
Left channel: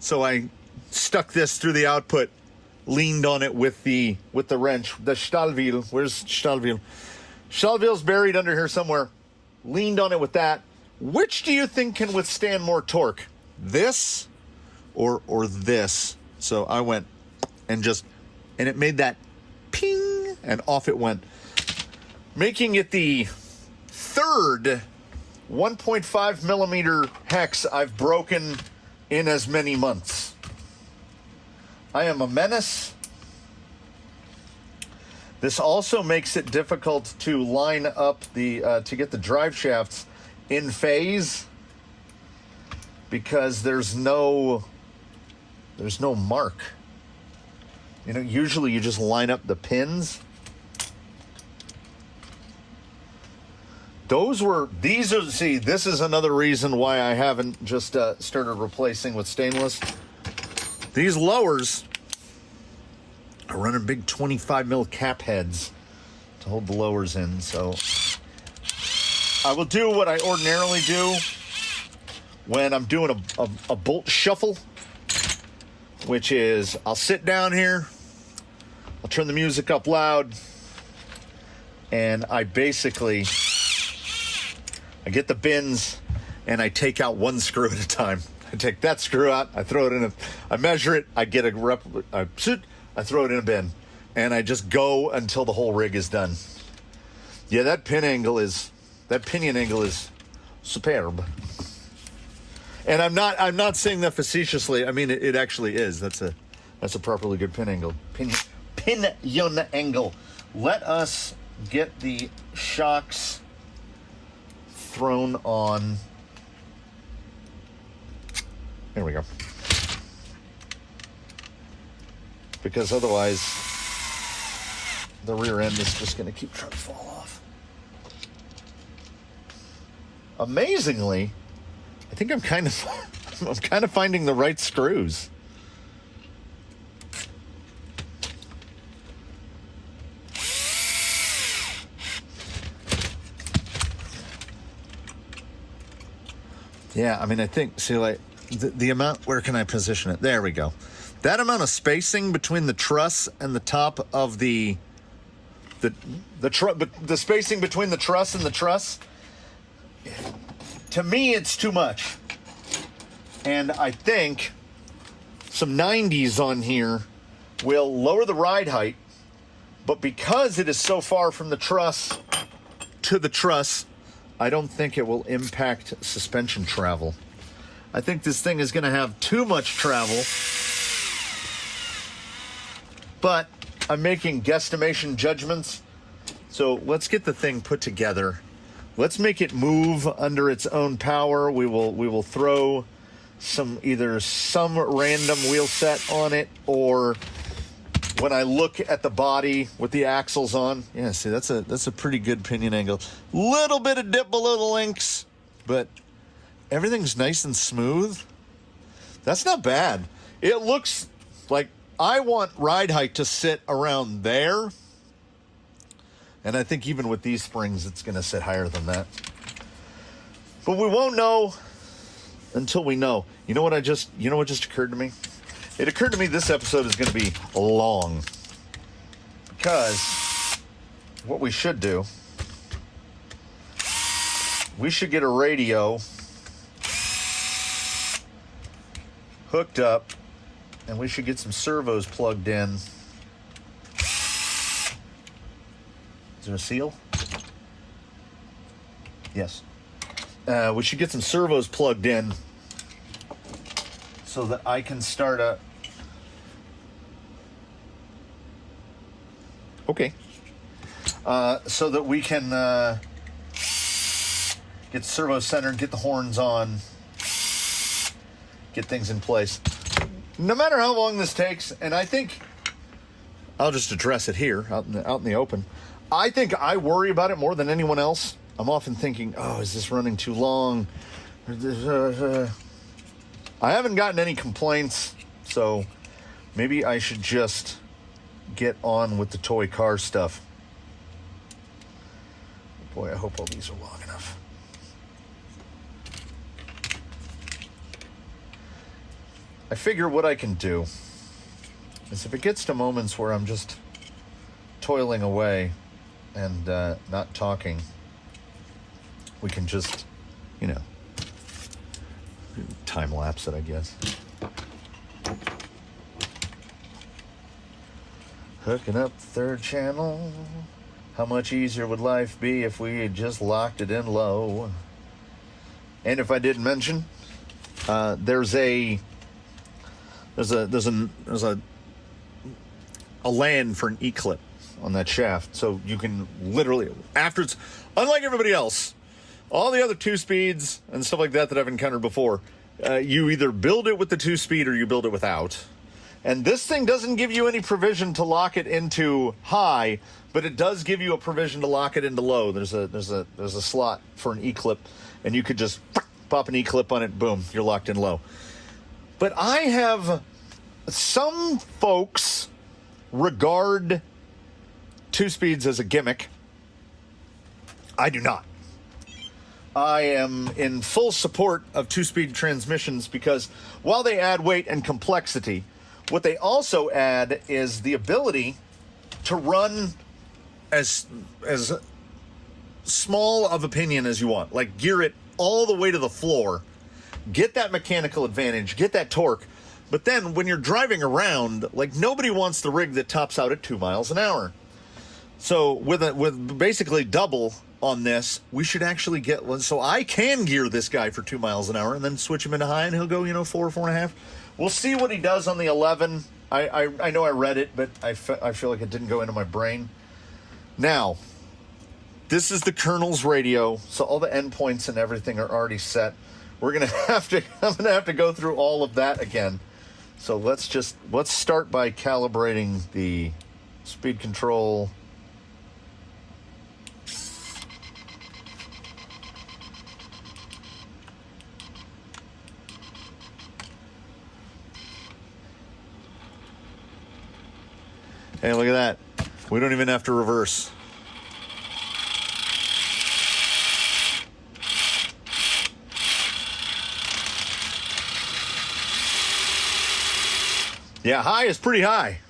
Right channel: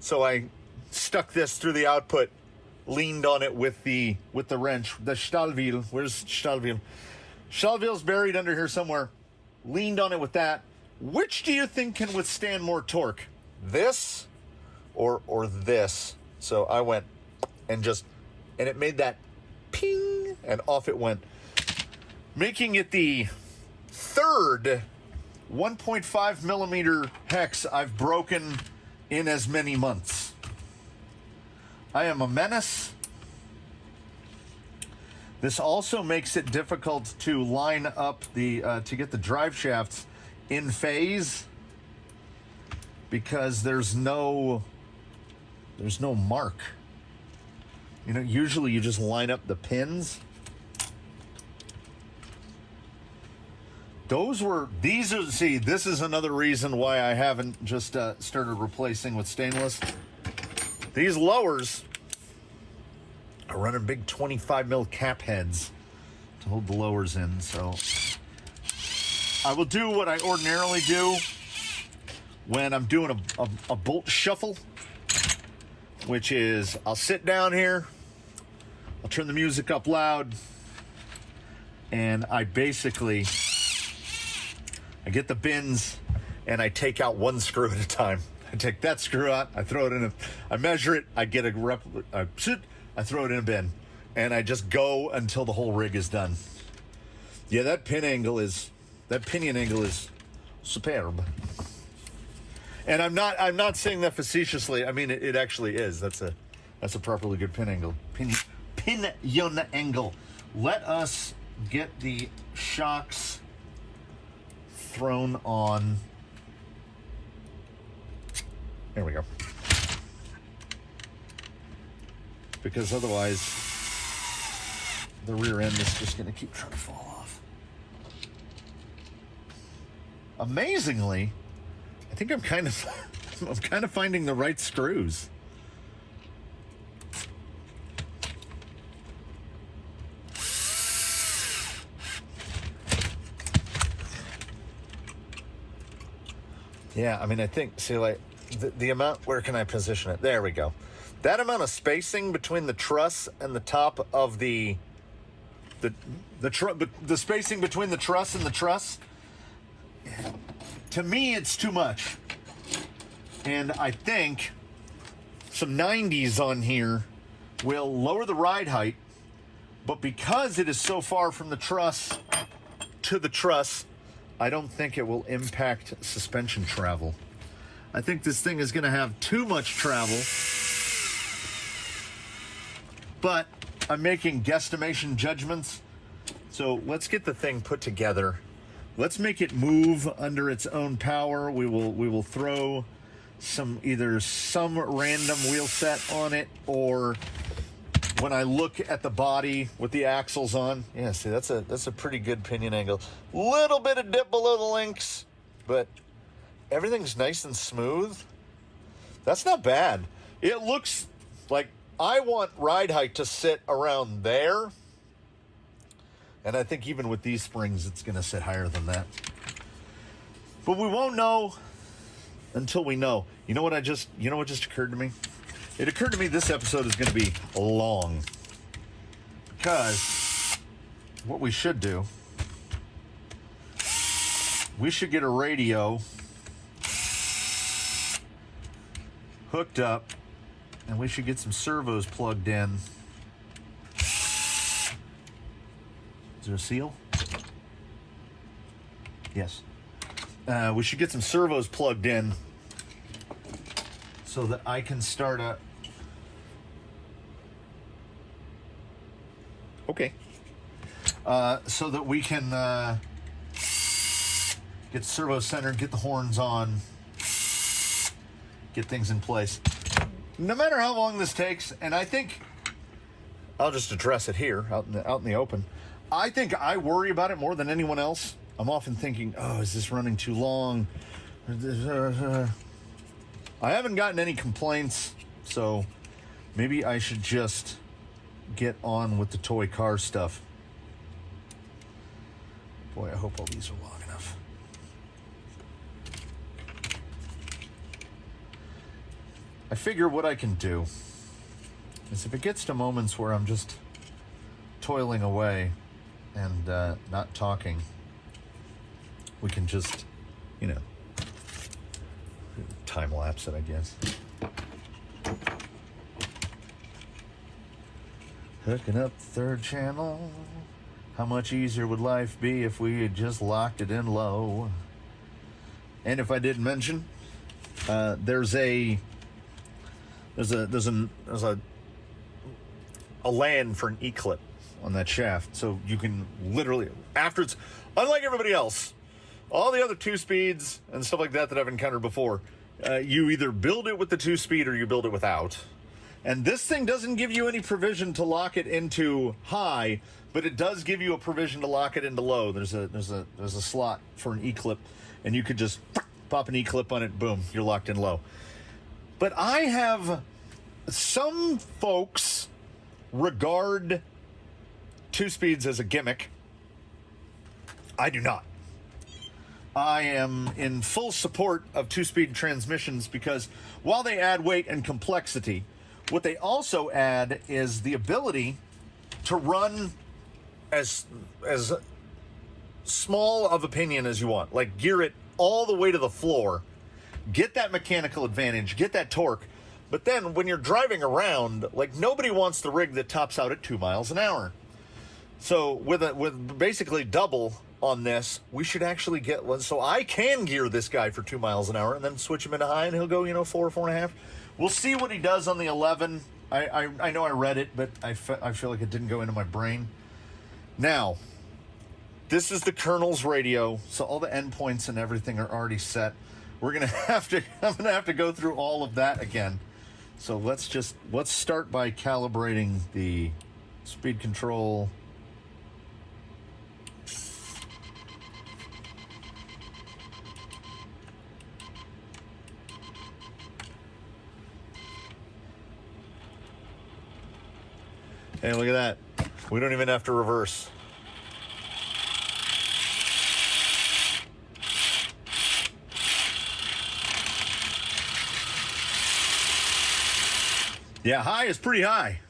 So I stuck this through the output, leaned on it with the wrench, the Stahlwheel. Where's Stahlwheel? Stahlwheel's buried under here somewhere. Leaned on it with that. Which do you think can withstand more torque? This or this? So I went and it made that ping and off it went. Making it the third 1.5 millimeter hex I've broken in as many months. I am a menace. This also makes it difficult to line up to get the drive shafts in phase because there's no mark. You know, usually you just line up the pins. This is another reason why I haven't just started replacing with stainless. These lowers are running big 25 mil cap heads to hold the lowers in, so I will do what I ordinarily do when I'm doing a bolt shuffle, which is I'll sit down here, I'll turn the music up loud, and I get the bins, and I take out one screw at a time. I take that screw out, I throw it in I measure it, I get I throw it in a bin, and I just go until the whole rig is done. Yeah, that pinion angle is superb. And I'm not saying that facetiously. I mean, it actually is. That's a properly good pinion angle. Let us get the shocks thrown on. Here we go. Because otherwise, the rear end is just going to keep trying to fall off. Amazingly, I think I'm kind of finding the right screws. Yeah, I mean, I think, see, like, the amount, where can I position it? There we go. That amount of spacing between the truss and the top of the spacing between the truss and the truss, to me, it's too much. And I think some 90s on here will lower the ride height, but because it is so far from the truss to the truss, I don't think it will impact suspension travel. I think this thing is going to have too much travel, but I'm making guesstimation judgments. So let's get the thing put together. Let's make it move under its own power. We will throw either some random wheel set on it, or when I look at the body with the axles on, yeah, see, that's a pretty good pinion angle. Little bit of dip below the links, but everything's nice and smooth. That's not bad. It looks like I want ride height to sit around there. And I think even with these springs, it's going to sit higher than that. But we won't know until we know. You know what just occurred to me? It occurred to me this episode is going to be long. Because what we should do, we should get a radio hooked up, and we should get some servos plugged in. Is there a seal? Yes. We should get some servos plugged in so that I can start a... Okay. So that we can get the servo centered, get the horns on, get things in place. No matter how long this takes, and I think I'll just address it here out in the open. I think I worry about it more than anyone else. I'm often thinking, oh, is this running too long? I haven't gotten any complaints, so maybe I should just get on with the toy car stuff. Boy, I hope all these are long enough. I figure what I can do is, if it gets to moments where I'm just toiling away and not talking, we can just, time lapse it, I guess. Hooking up the third channel. How much easier would life be if we had just locked it in low? And if I didn't mention, there's a land for an E-clip on that shaft, so you can literally, after it's, unlike everybody else, all the other 2-speeds and stuff like that I've encountered before, you either build it with the 2-speed or you build it without. And this thing doesn't give you any provision to lock it into high, but it does give you a provision to lock it into low. There's a slot for an E-clip, and you could just pop an E-clip on it, boom, you're locked in low. But I have some folks regard 2-speeds as a gimmick. I do not. I am in full support of 2-speed transmissions because while they add weight and complexity, what they also add is the ability to run as small of opinion as you want. Like, gear it all the way to the floor, get that mechanical advantage, get that torque. But then when you're driving around, like, nobody wants the rig that tops out at 2 miles an hour. So with basically double on this, we should actually get one. So I can gear this guy for 2 miles an hour and then switch him into high, and he'll go, 4.5. We'll see what he does on the 11. I know I read it, but I feel like it didn't go into my brain. Now, this is the Colonel's radio, so all the endpoints and everything are already set. I'm gonna have to go through all of that again. So let's start by calibrating the speed control. Hey, look at that. We don't even have to reverse. Yeah, high is pretty high.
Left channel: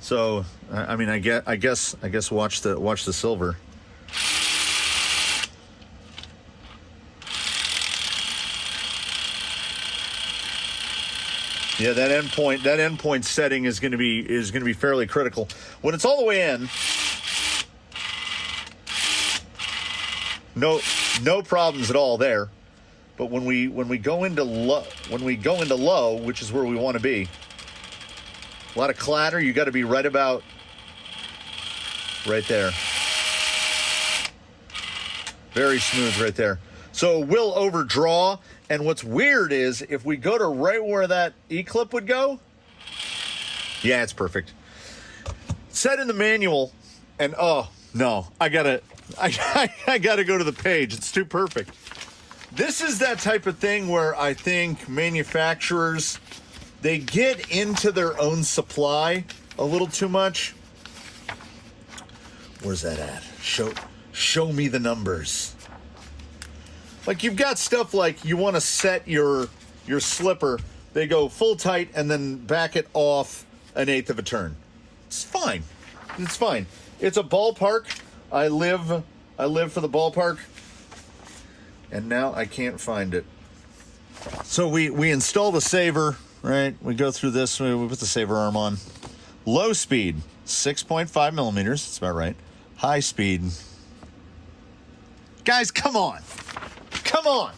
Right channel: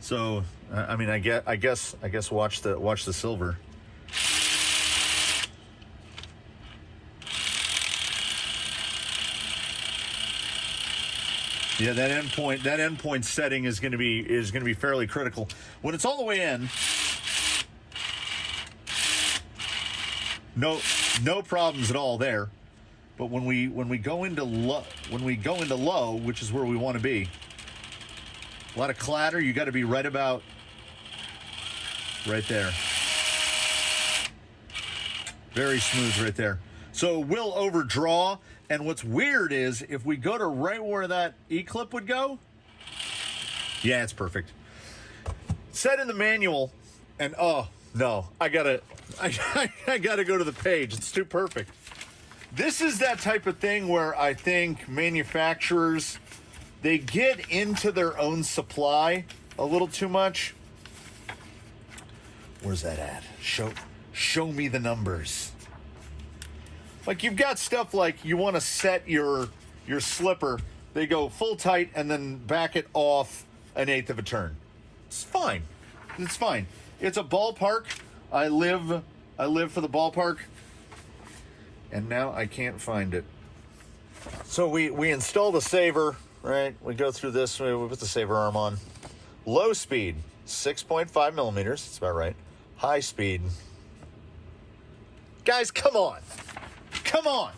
So, I mean, I guess watch the silver. Yeah, that endpoint setting is going to be fairly critical. When it's all the way in, no problems at all there. But when we go into low, which is where we want to be, a lot of clatter. You got to be right about right there. Very smooth right there. So we'll overdraw. And what's weird is if we go to right where that E-clip would go, yeah, it's perfect. Set in the manual, and oh no, I gotta go to the page. It's too perfect. This is that type of thing where I think manufacturers, they get into their own supply a little too much. Where's that at? Show me the numbers. Like, you've got stuff like you want to set your slipper, they go full tight and then back it off 1/8 of a turn. It's fine. It's fine. It's a ballpark. I live for the ballpark. And now I can't find it. So we install the saver, right? We go through this, we put the saver arm on. Low speed, 6.5 millimeters, that's about right. High speed. Guys, come on. Come on.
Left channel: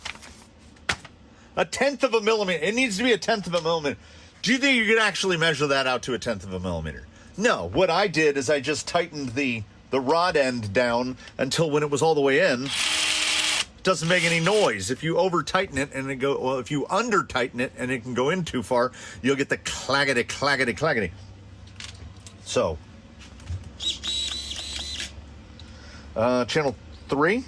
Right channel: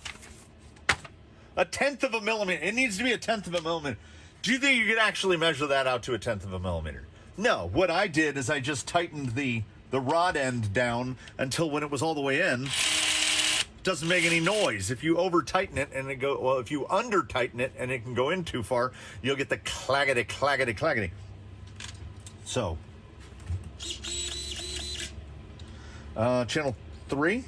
1/10 of a millimeter. It needs to be 1/10 of a millimeter. Do you think you could actually measure that out to 1/10 of a millimeter? No. What I did is I just tightened the rod end down until when it was all the way in, it doesn't make any noise. If you over tighten it and if you under tighten it and it can go in too far, you'll get the claggity, claggity, claggity. So, channel 3.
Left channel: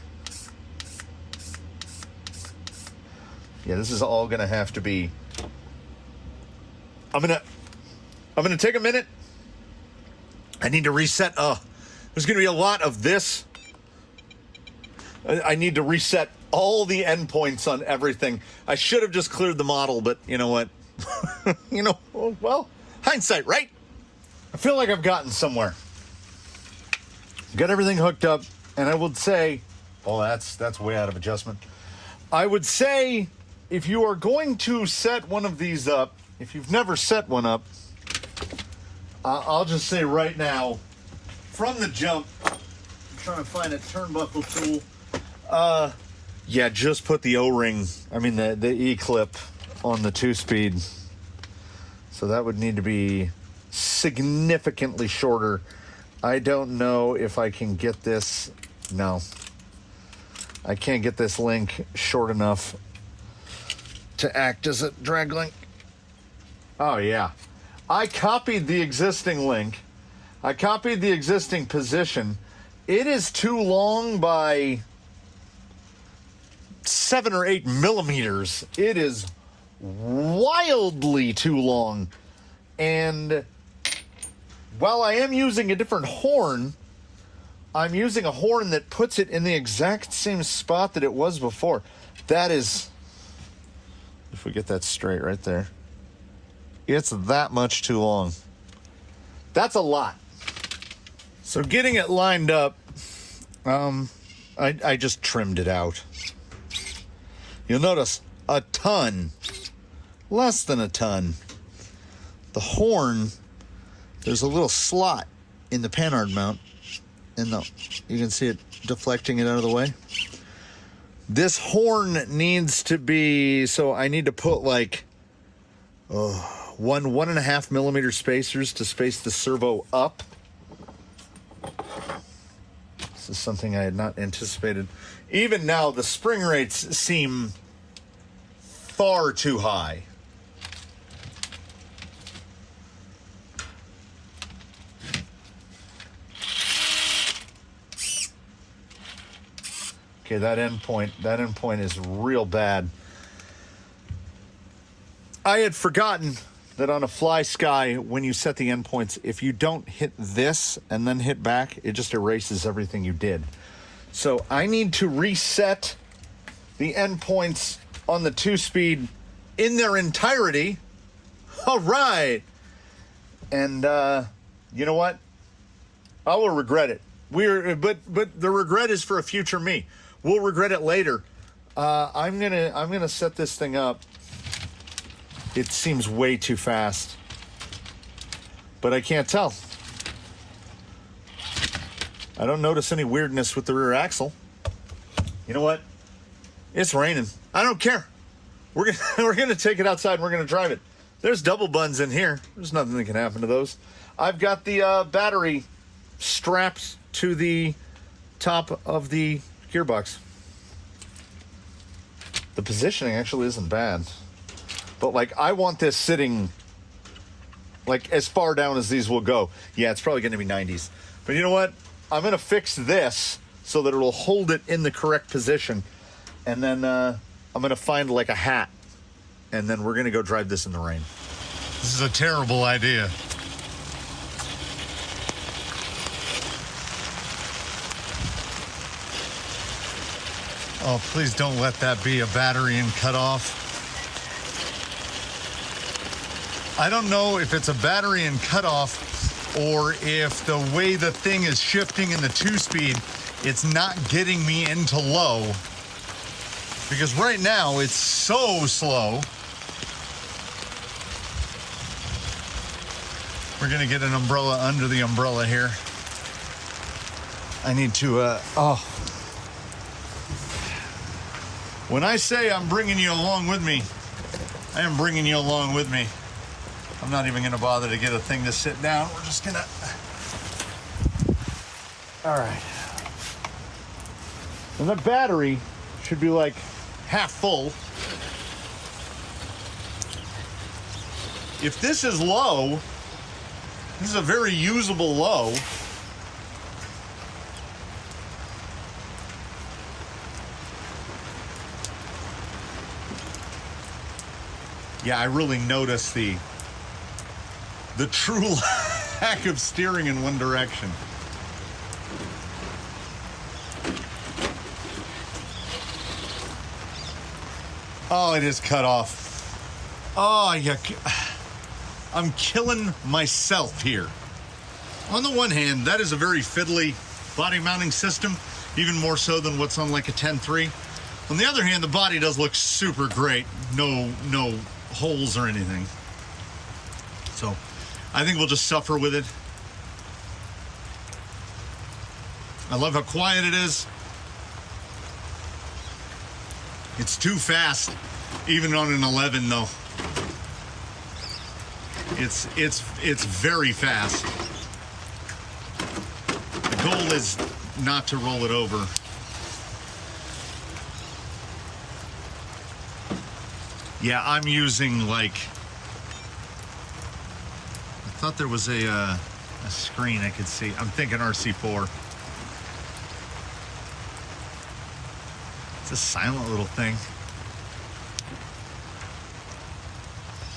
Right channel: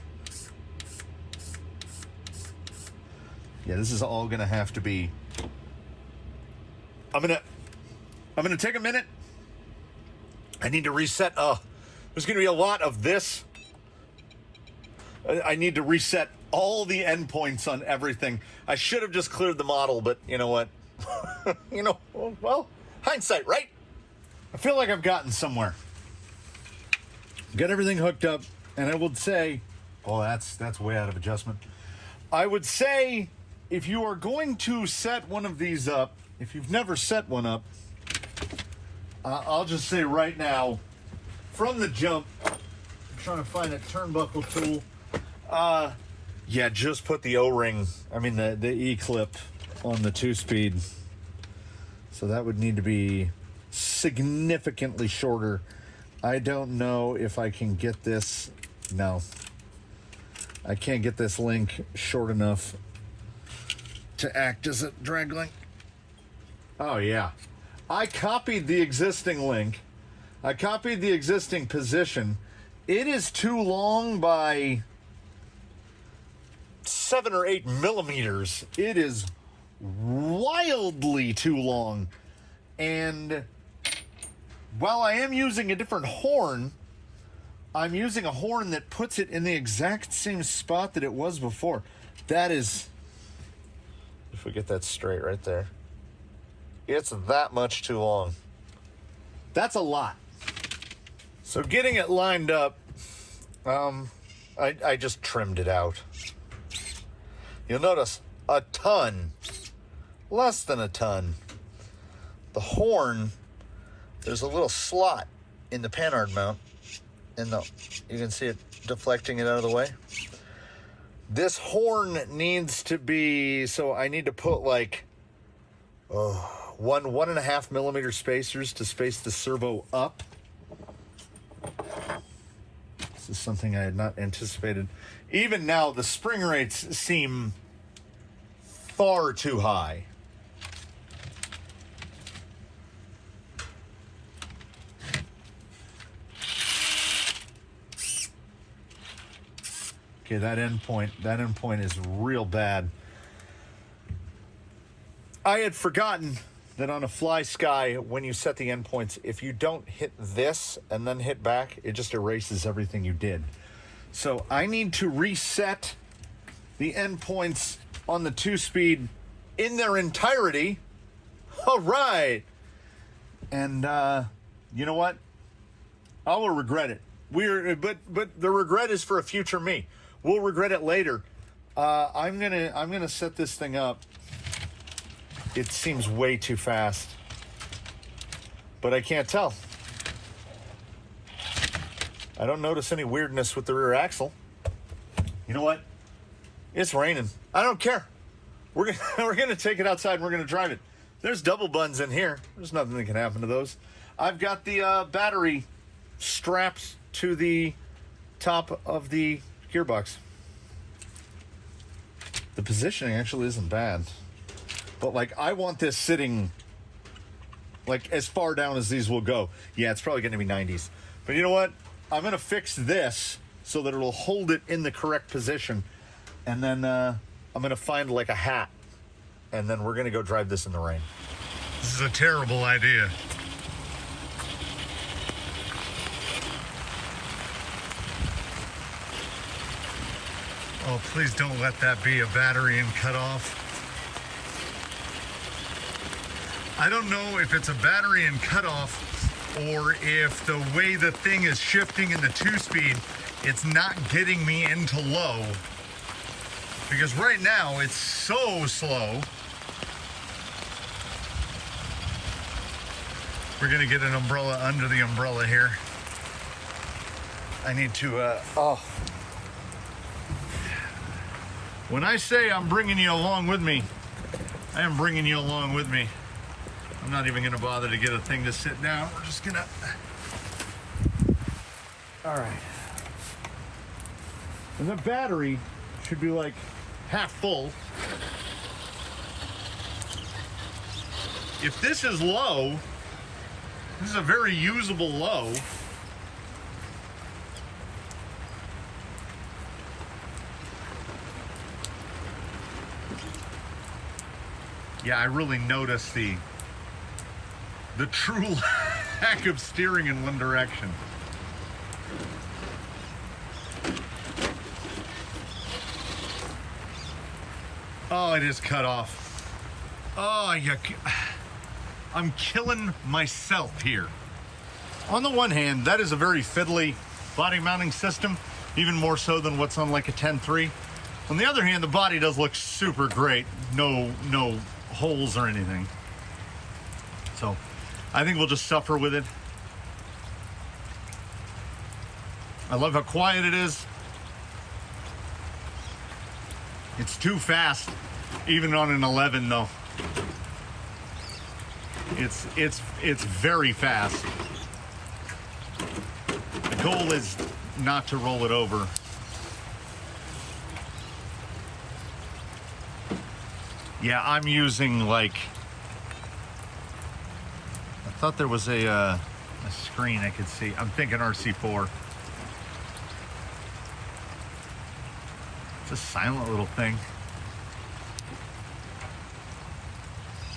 Yeah, this is all gonna have to be. I'm gonna take a minute. I need to reset. There's gonna be a lot of this. I need to reset all the endpoints on everything. I should have just cleared the model, but you know what? Well, hindsight, right? I feel like I've gotten somewhere. Got everything hooked up, and I would say, oh, that's way out of adjustment. I would say, if you are going to set one of these up, if you've never set one up, I'll just say right now, from the jump, I'm trying to find a turnbuckle tool. Yeah, just put the O-ring, the E-clip on the 2-speed. So that would need to be significantly shorter. I don't know if I can get this. No. I can't get this link short enough to act as a drag link. Oh, yeah. I copied the existing link. I copied the existing position. It is too long by 7 or 8 millimeters. It is wildly too long. And while I am using a different horn, I'm using a horn that puts it in the exact same spot that it was before. That is, if we get that straight right there, it's that much too long. That's a lot. So getting it lined up, I just trimmed it out. You'll notice a ton, less than a ton. The horn, there's a little slot in the panhard mount, and you can see it deflecting it out of the way. This horn needs to be, so I need to put like 1.5 millimeter spacers to space the servo up. This is something I had not anticipated. Even now, the spring rates seem far too high. Okay, that endpoint is real bad. I had forgotten that on a fly sky, when you set the endpoints, if you don't hit this and then hit back, it just erases everything you did. So I need to reset the endpoints on the 2-speed in their entirety. All right. And you know what? I will regret it. But the regret is for a future me. We'll regret it later. I'm gonna set this thing up. It seems way too fast, but I can't tell. I don't notice any weirdness with the rear axle. You know what? It's raining. I don't care. We're gonna take it outside and we're gonna drive it. There's double buns in here. There's nothing that can happen to those. I've got the battery strapped to the top of the gearbox. The positioning actually isn't bad, but like I want this sitting like as far down as these will go. Yeah, it's probably going to be 90s, but you know what? I'm going to fix this so that it'll hold it in the correct position, and then I'm going to find like a hat, and then we're going to go drive this in the rain. This is a terrible idea. Oh, please don't let that be a battery and cut off. I don't know if it's a battery and cut off or if the way the thing is shifting in the 2-speed, it's not getting me into low. Because right now it's so slow. We're gonna get an umbrella under the umbrella here. I need to, When I say I'm bringing you along with me, I am bringing you along with me. I'm not even gonna bother to get a thing to sit down. We're just gonna, all right. And the battery should be like half full. If this is low, this is a very usable low. Yeah, I really noticed the true lack of steering in one direction. Oh, it is cut off. Oh, yeah. I'm killing myself here. On the one hand, that is a very fiddly body mounting system, even more so than what's on like a 10.3. On the other hand, the body does look super great. No holes or anything. So I think we'll just suffer with it. I love how quiet it is. It's too fast, even on an 11 though. It's very fast. The goal is not to roll it over. Yeah, I'm using like, I thought there was a screen I could see. I'm thinking RC4. It's a silent little thing.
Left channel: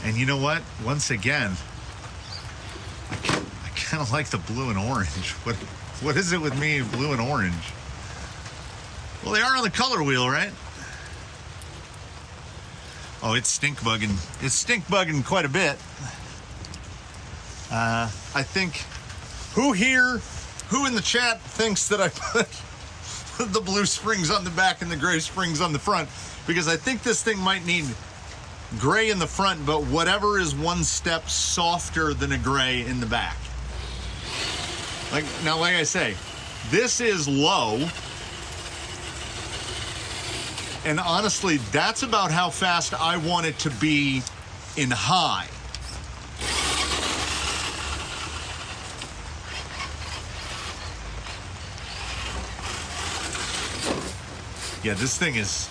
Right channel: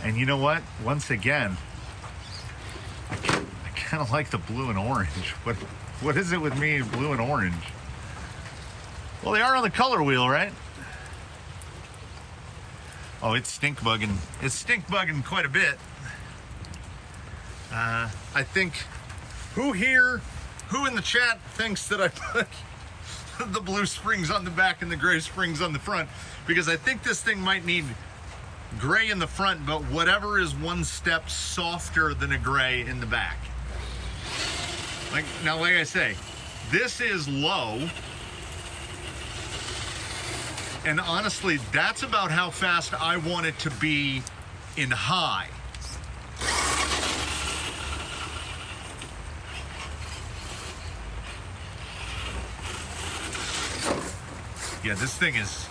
And you know what? Once again, I kind of like the blue and orange. What is it with me, blue and orange? Well, they are on the color wheel, right? Oh, it's stink bugging. It's stink bugging quite a bit. I think, who in the chat thinks that I put the blue springs on the back and the gray springs on the front? Because I think this thing might need gray in the front, but whatever is one step softer than a gray in the back. Like I say, this is low. And honestly, that's about how fast I want it to be in high. Yeah, this thing is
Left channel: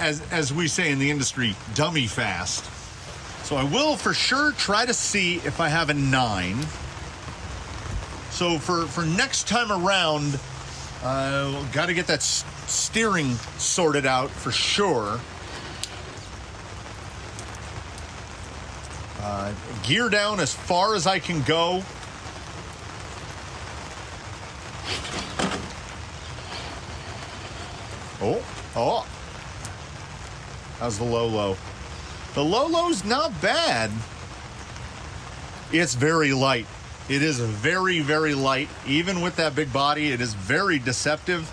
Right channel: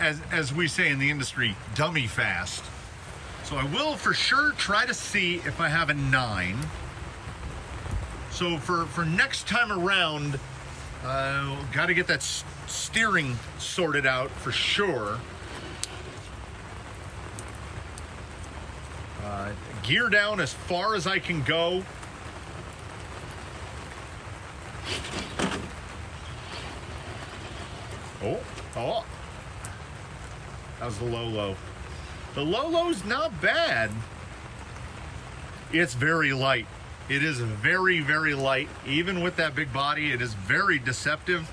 as we say in the industry, dummy fast. So I will for sure try to see if I have a 9. So for next time around, got to get that steering sorted out for sure. Gear down as far as I can go. Oh, how's the low? The low's not bad. It's very light. It is very, very light. Even with that big body, it is very deceptive.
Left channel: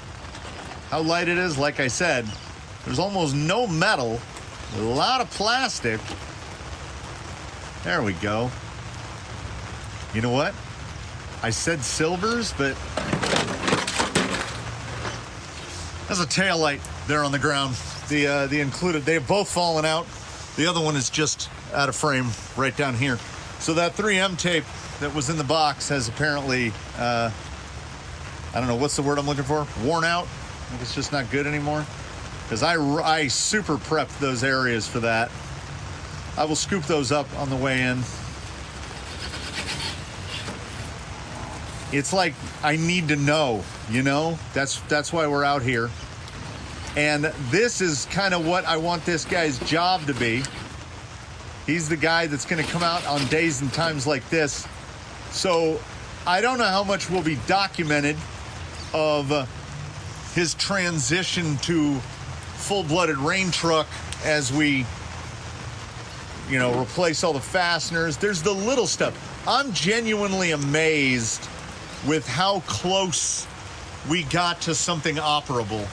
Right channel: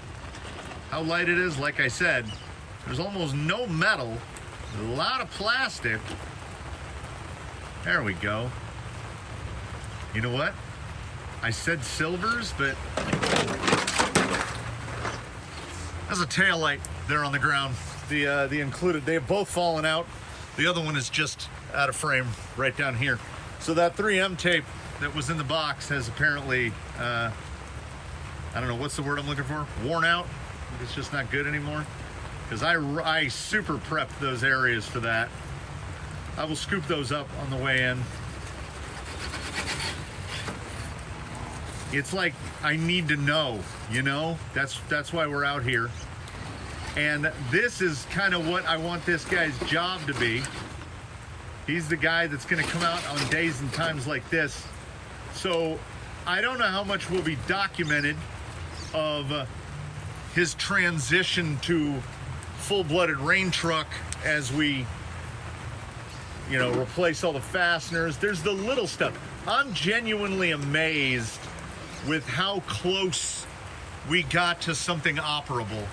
How light it is, like I said, there's almost no metal, a lot of plastic. There we go. You know what? I said silvers, but there's a tail light there on the ground. The included, they've both fallen out. The other one is just out of frame right down here. So that 3M tape that was in the box has apparently, I don't know, what's the word I'm looking for? Worn out? It's just not good anymore. Because I super prepped those areas for that. I will scoop those up on the way in. It's like, I need to know, you know? That's why we're out here. And this is kind of what I want this guy's job to be. He's the guy that's going to come out on days and times like this. So I don't know how much will be documented of his transition to full-blooded rain truck as we, you know, replace all the fasteners. There's the little stuff. I'm genuinely amazed with how close we got to something operable.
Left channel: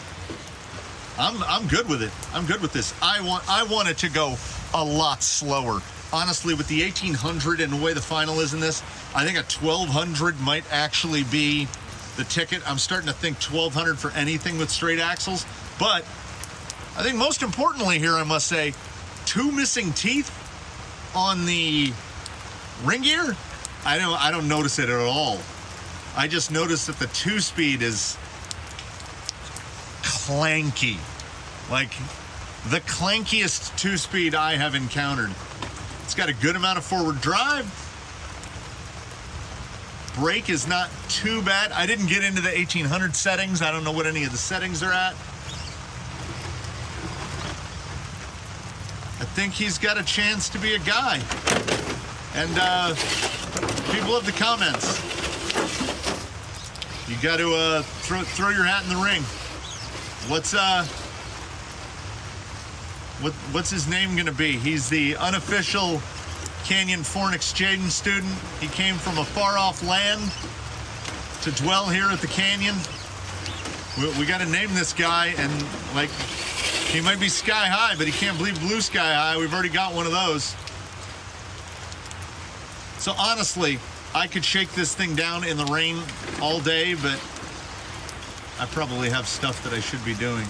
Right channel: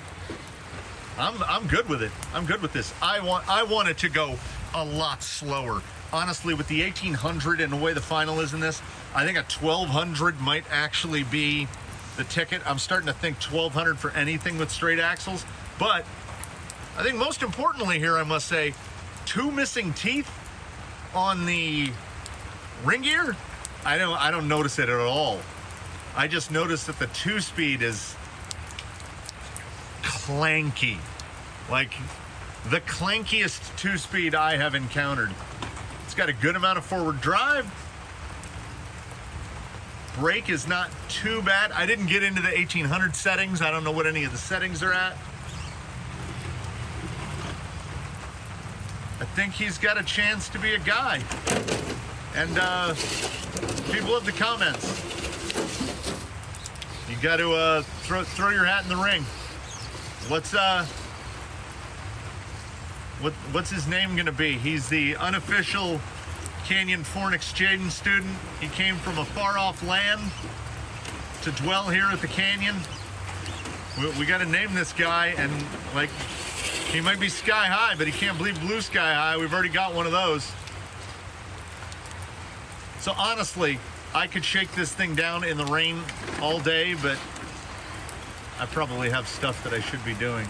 I'm good with it. I'm good with this. I want it to go a lot slower. Honestly, with the 1800 and the way the final is in this, I think a 1200 might actually be the ticket. I'm starting to think 1200 for anything with straight axles. But I think most importantly here, I must say, 2 missing teeth on the ring gear. I don't notice it at all. I just noticed that the 2-speed is clanky, like the clankiest 2-speed I have encountered. It's got a good amount of forward drive. Brake is not too bad. I didn't get into the 1800 settings. I don't know what any of the settings are at. I think he's got a chance to be a guy. And people love the comments. You got to throw your hat in the ring. What's his name going to be? He's the unofficial Canyon Foreign Exchange student. He came from a far-off land to dwell here at the Canyon. We got to name this guy, and like, he might be sky high, but he can't believe blue sky high. We've already got one of those. So honestly, I could shake this thing down in the rain all day, but I probably have stuff that I should be doing.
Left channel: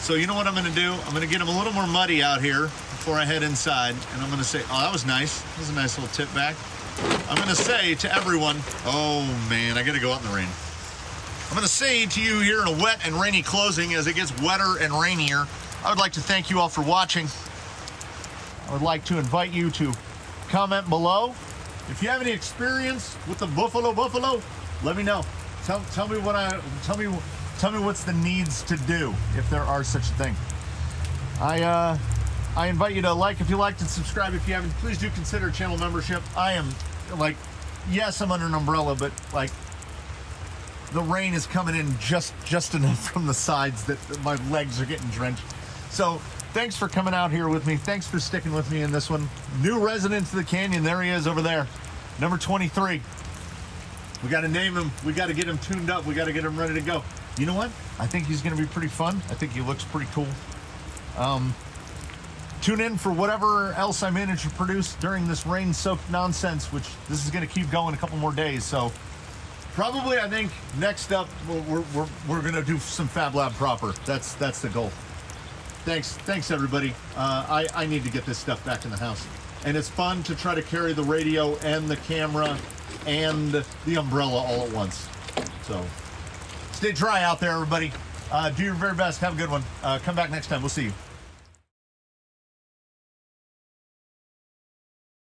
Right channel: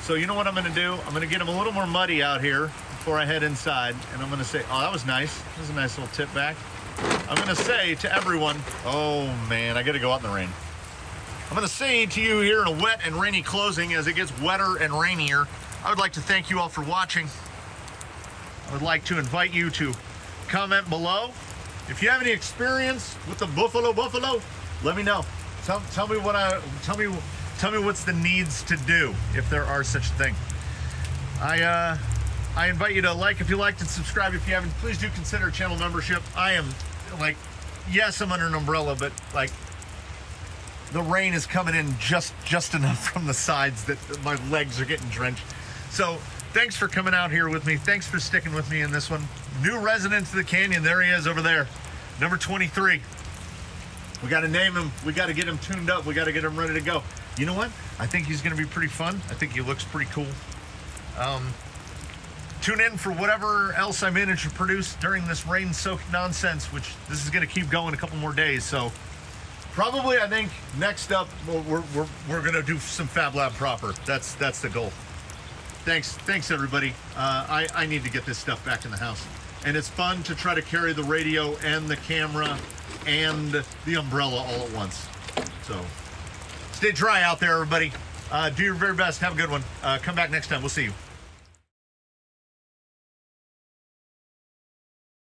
So you know what I'm going to do? I'm going to get him a little more muddy out here before I head inside, and I'm going to say, oh, that was nice. That was a nice little tip back. I'm going to say to everyone, oh man, I got to go out in the rain. I'm going to say to you here in a wet and rainy closing, as it gets wetter and rainier, I would like to thank you all for watching. I would like to invite you to comment below. If you have any experience with the Buffalo, let me know. Tell me what's the needs to do, if there are such a thing. I invite you to like if you liked and subscribe if you haven't. Please do consider channel membership. I am like, yes, I'm under an umbrella, but like the rain is coming in just enough from the sides that my legs are getting drenched. So thanks for coming out here with me. Thanks for sticking with me in this one. New resident to the canyon. There he is over there. Number 23. We got to name him. We got to get him tuned up. We got to get him ready to go. You know what? I think he's going to be pretty fun. I think he looks pretty cool. Tune in for whatever else I manage to produce during this rain-soaked nonsense, which this is going to keep going a couple more days. So probably, I think next up we're going to do some Fab Lab proper. That's the goal. Thanks everybody. I need to get this stuff back in the house, and it's fun to try to carry the radio and the camera and the umbrella all at once. So stay dry out there, everybody. Do your very best. Have a good one. Come back next time. We'll see you.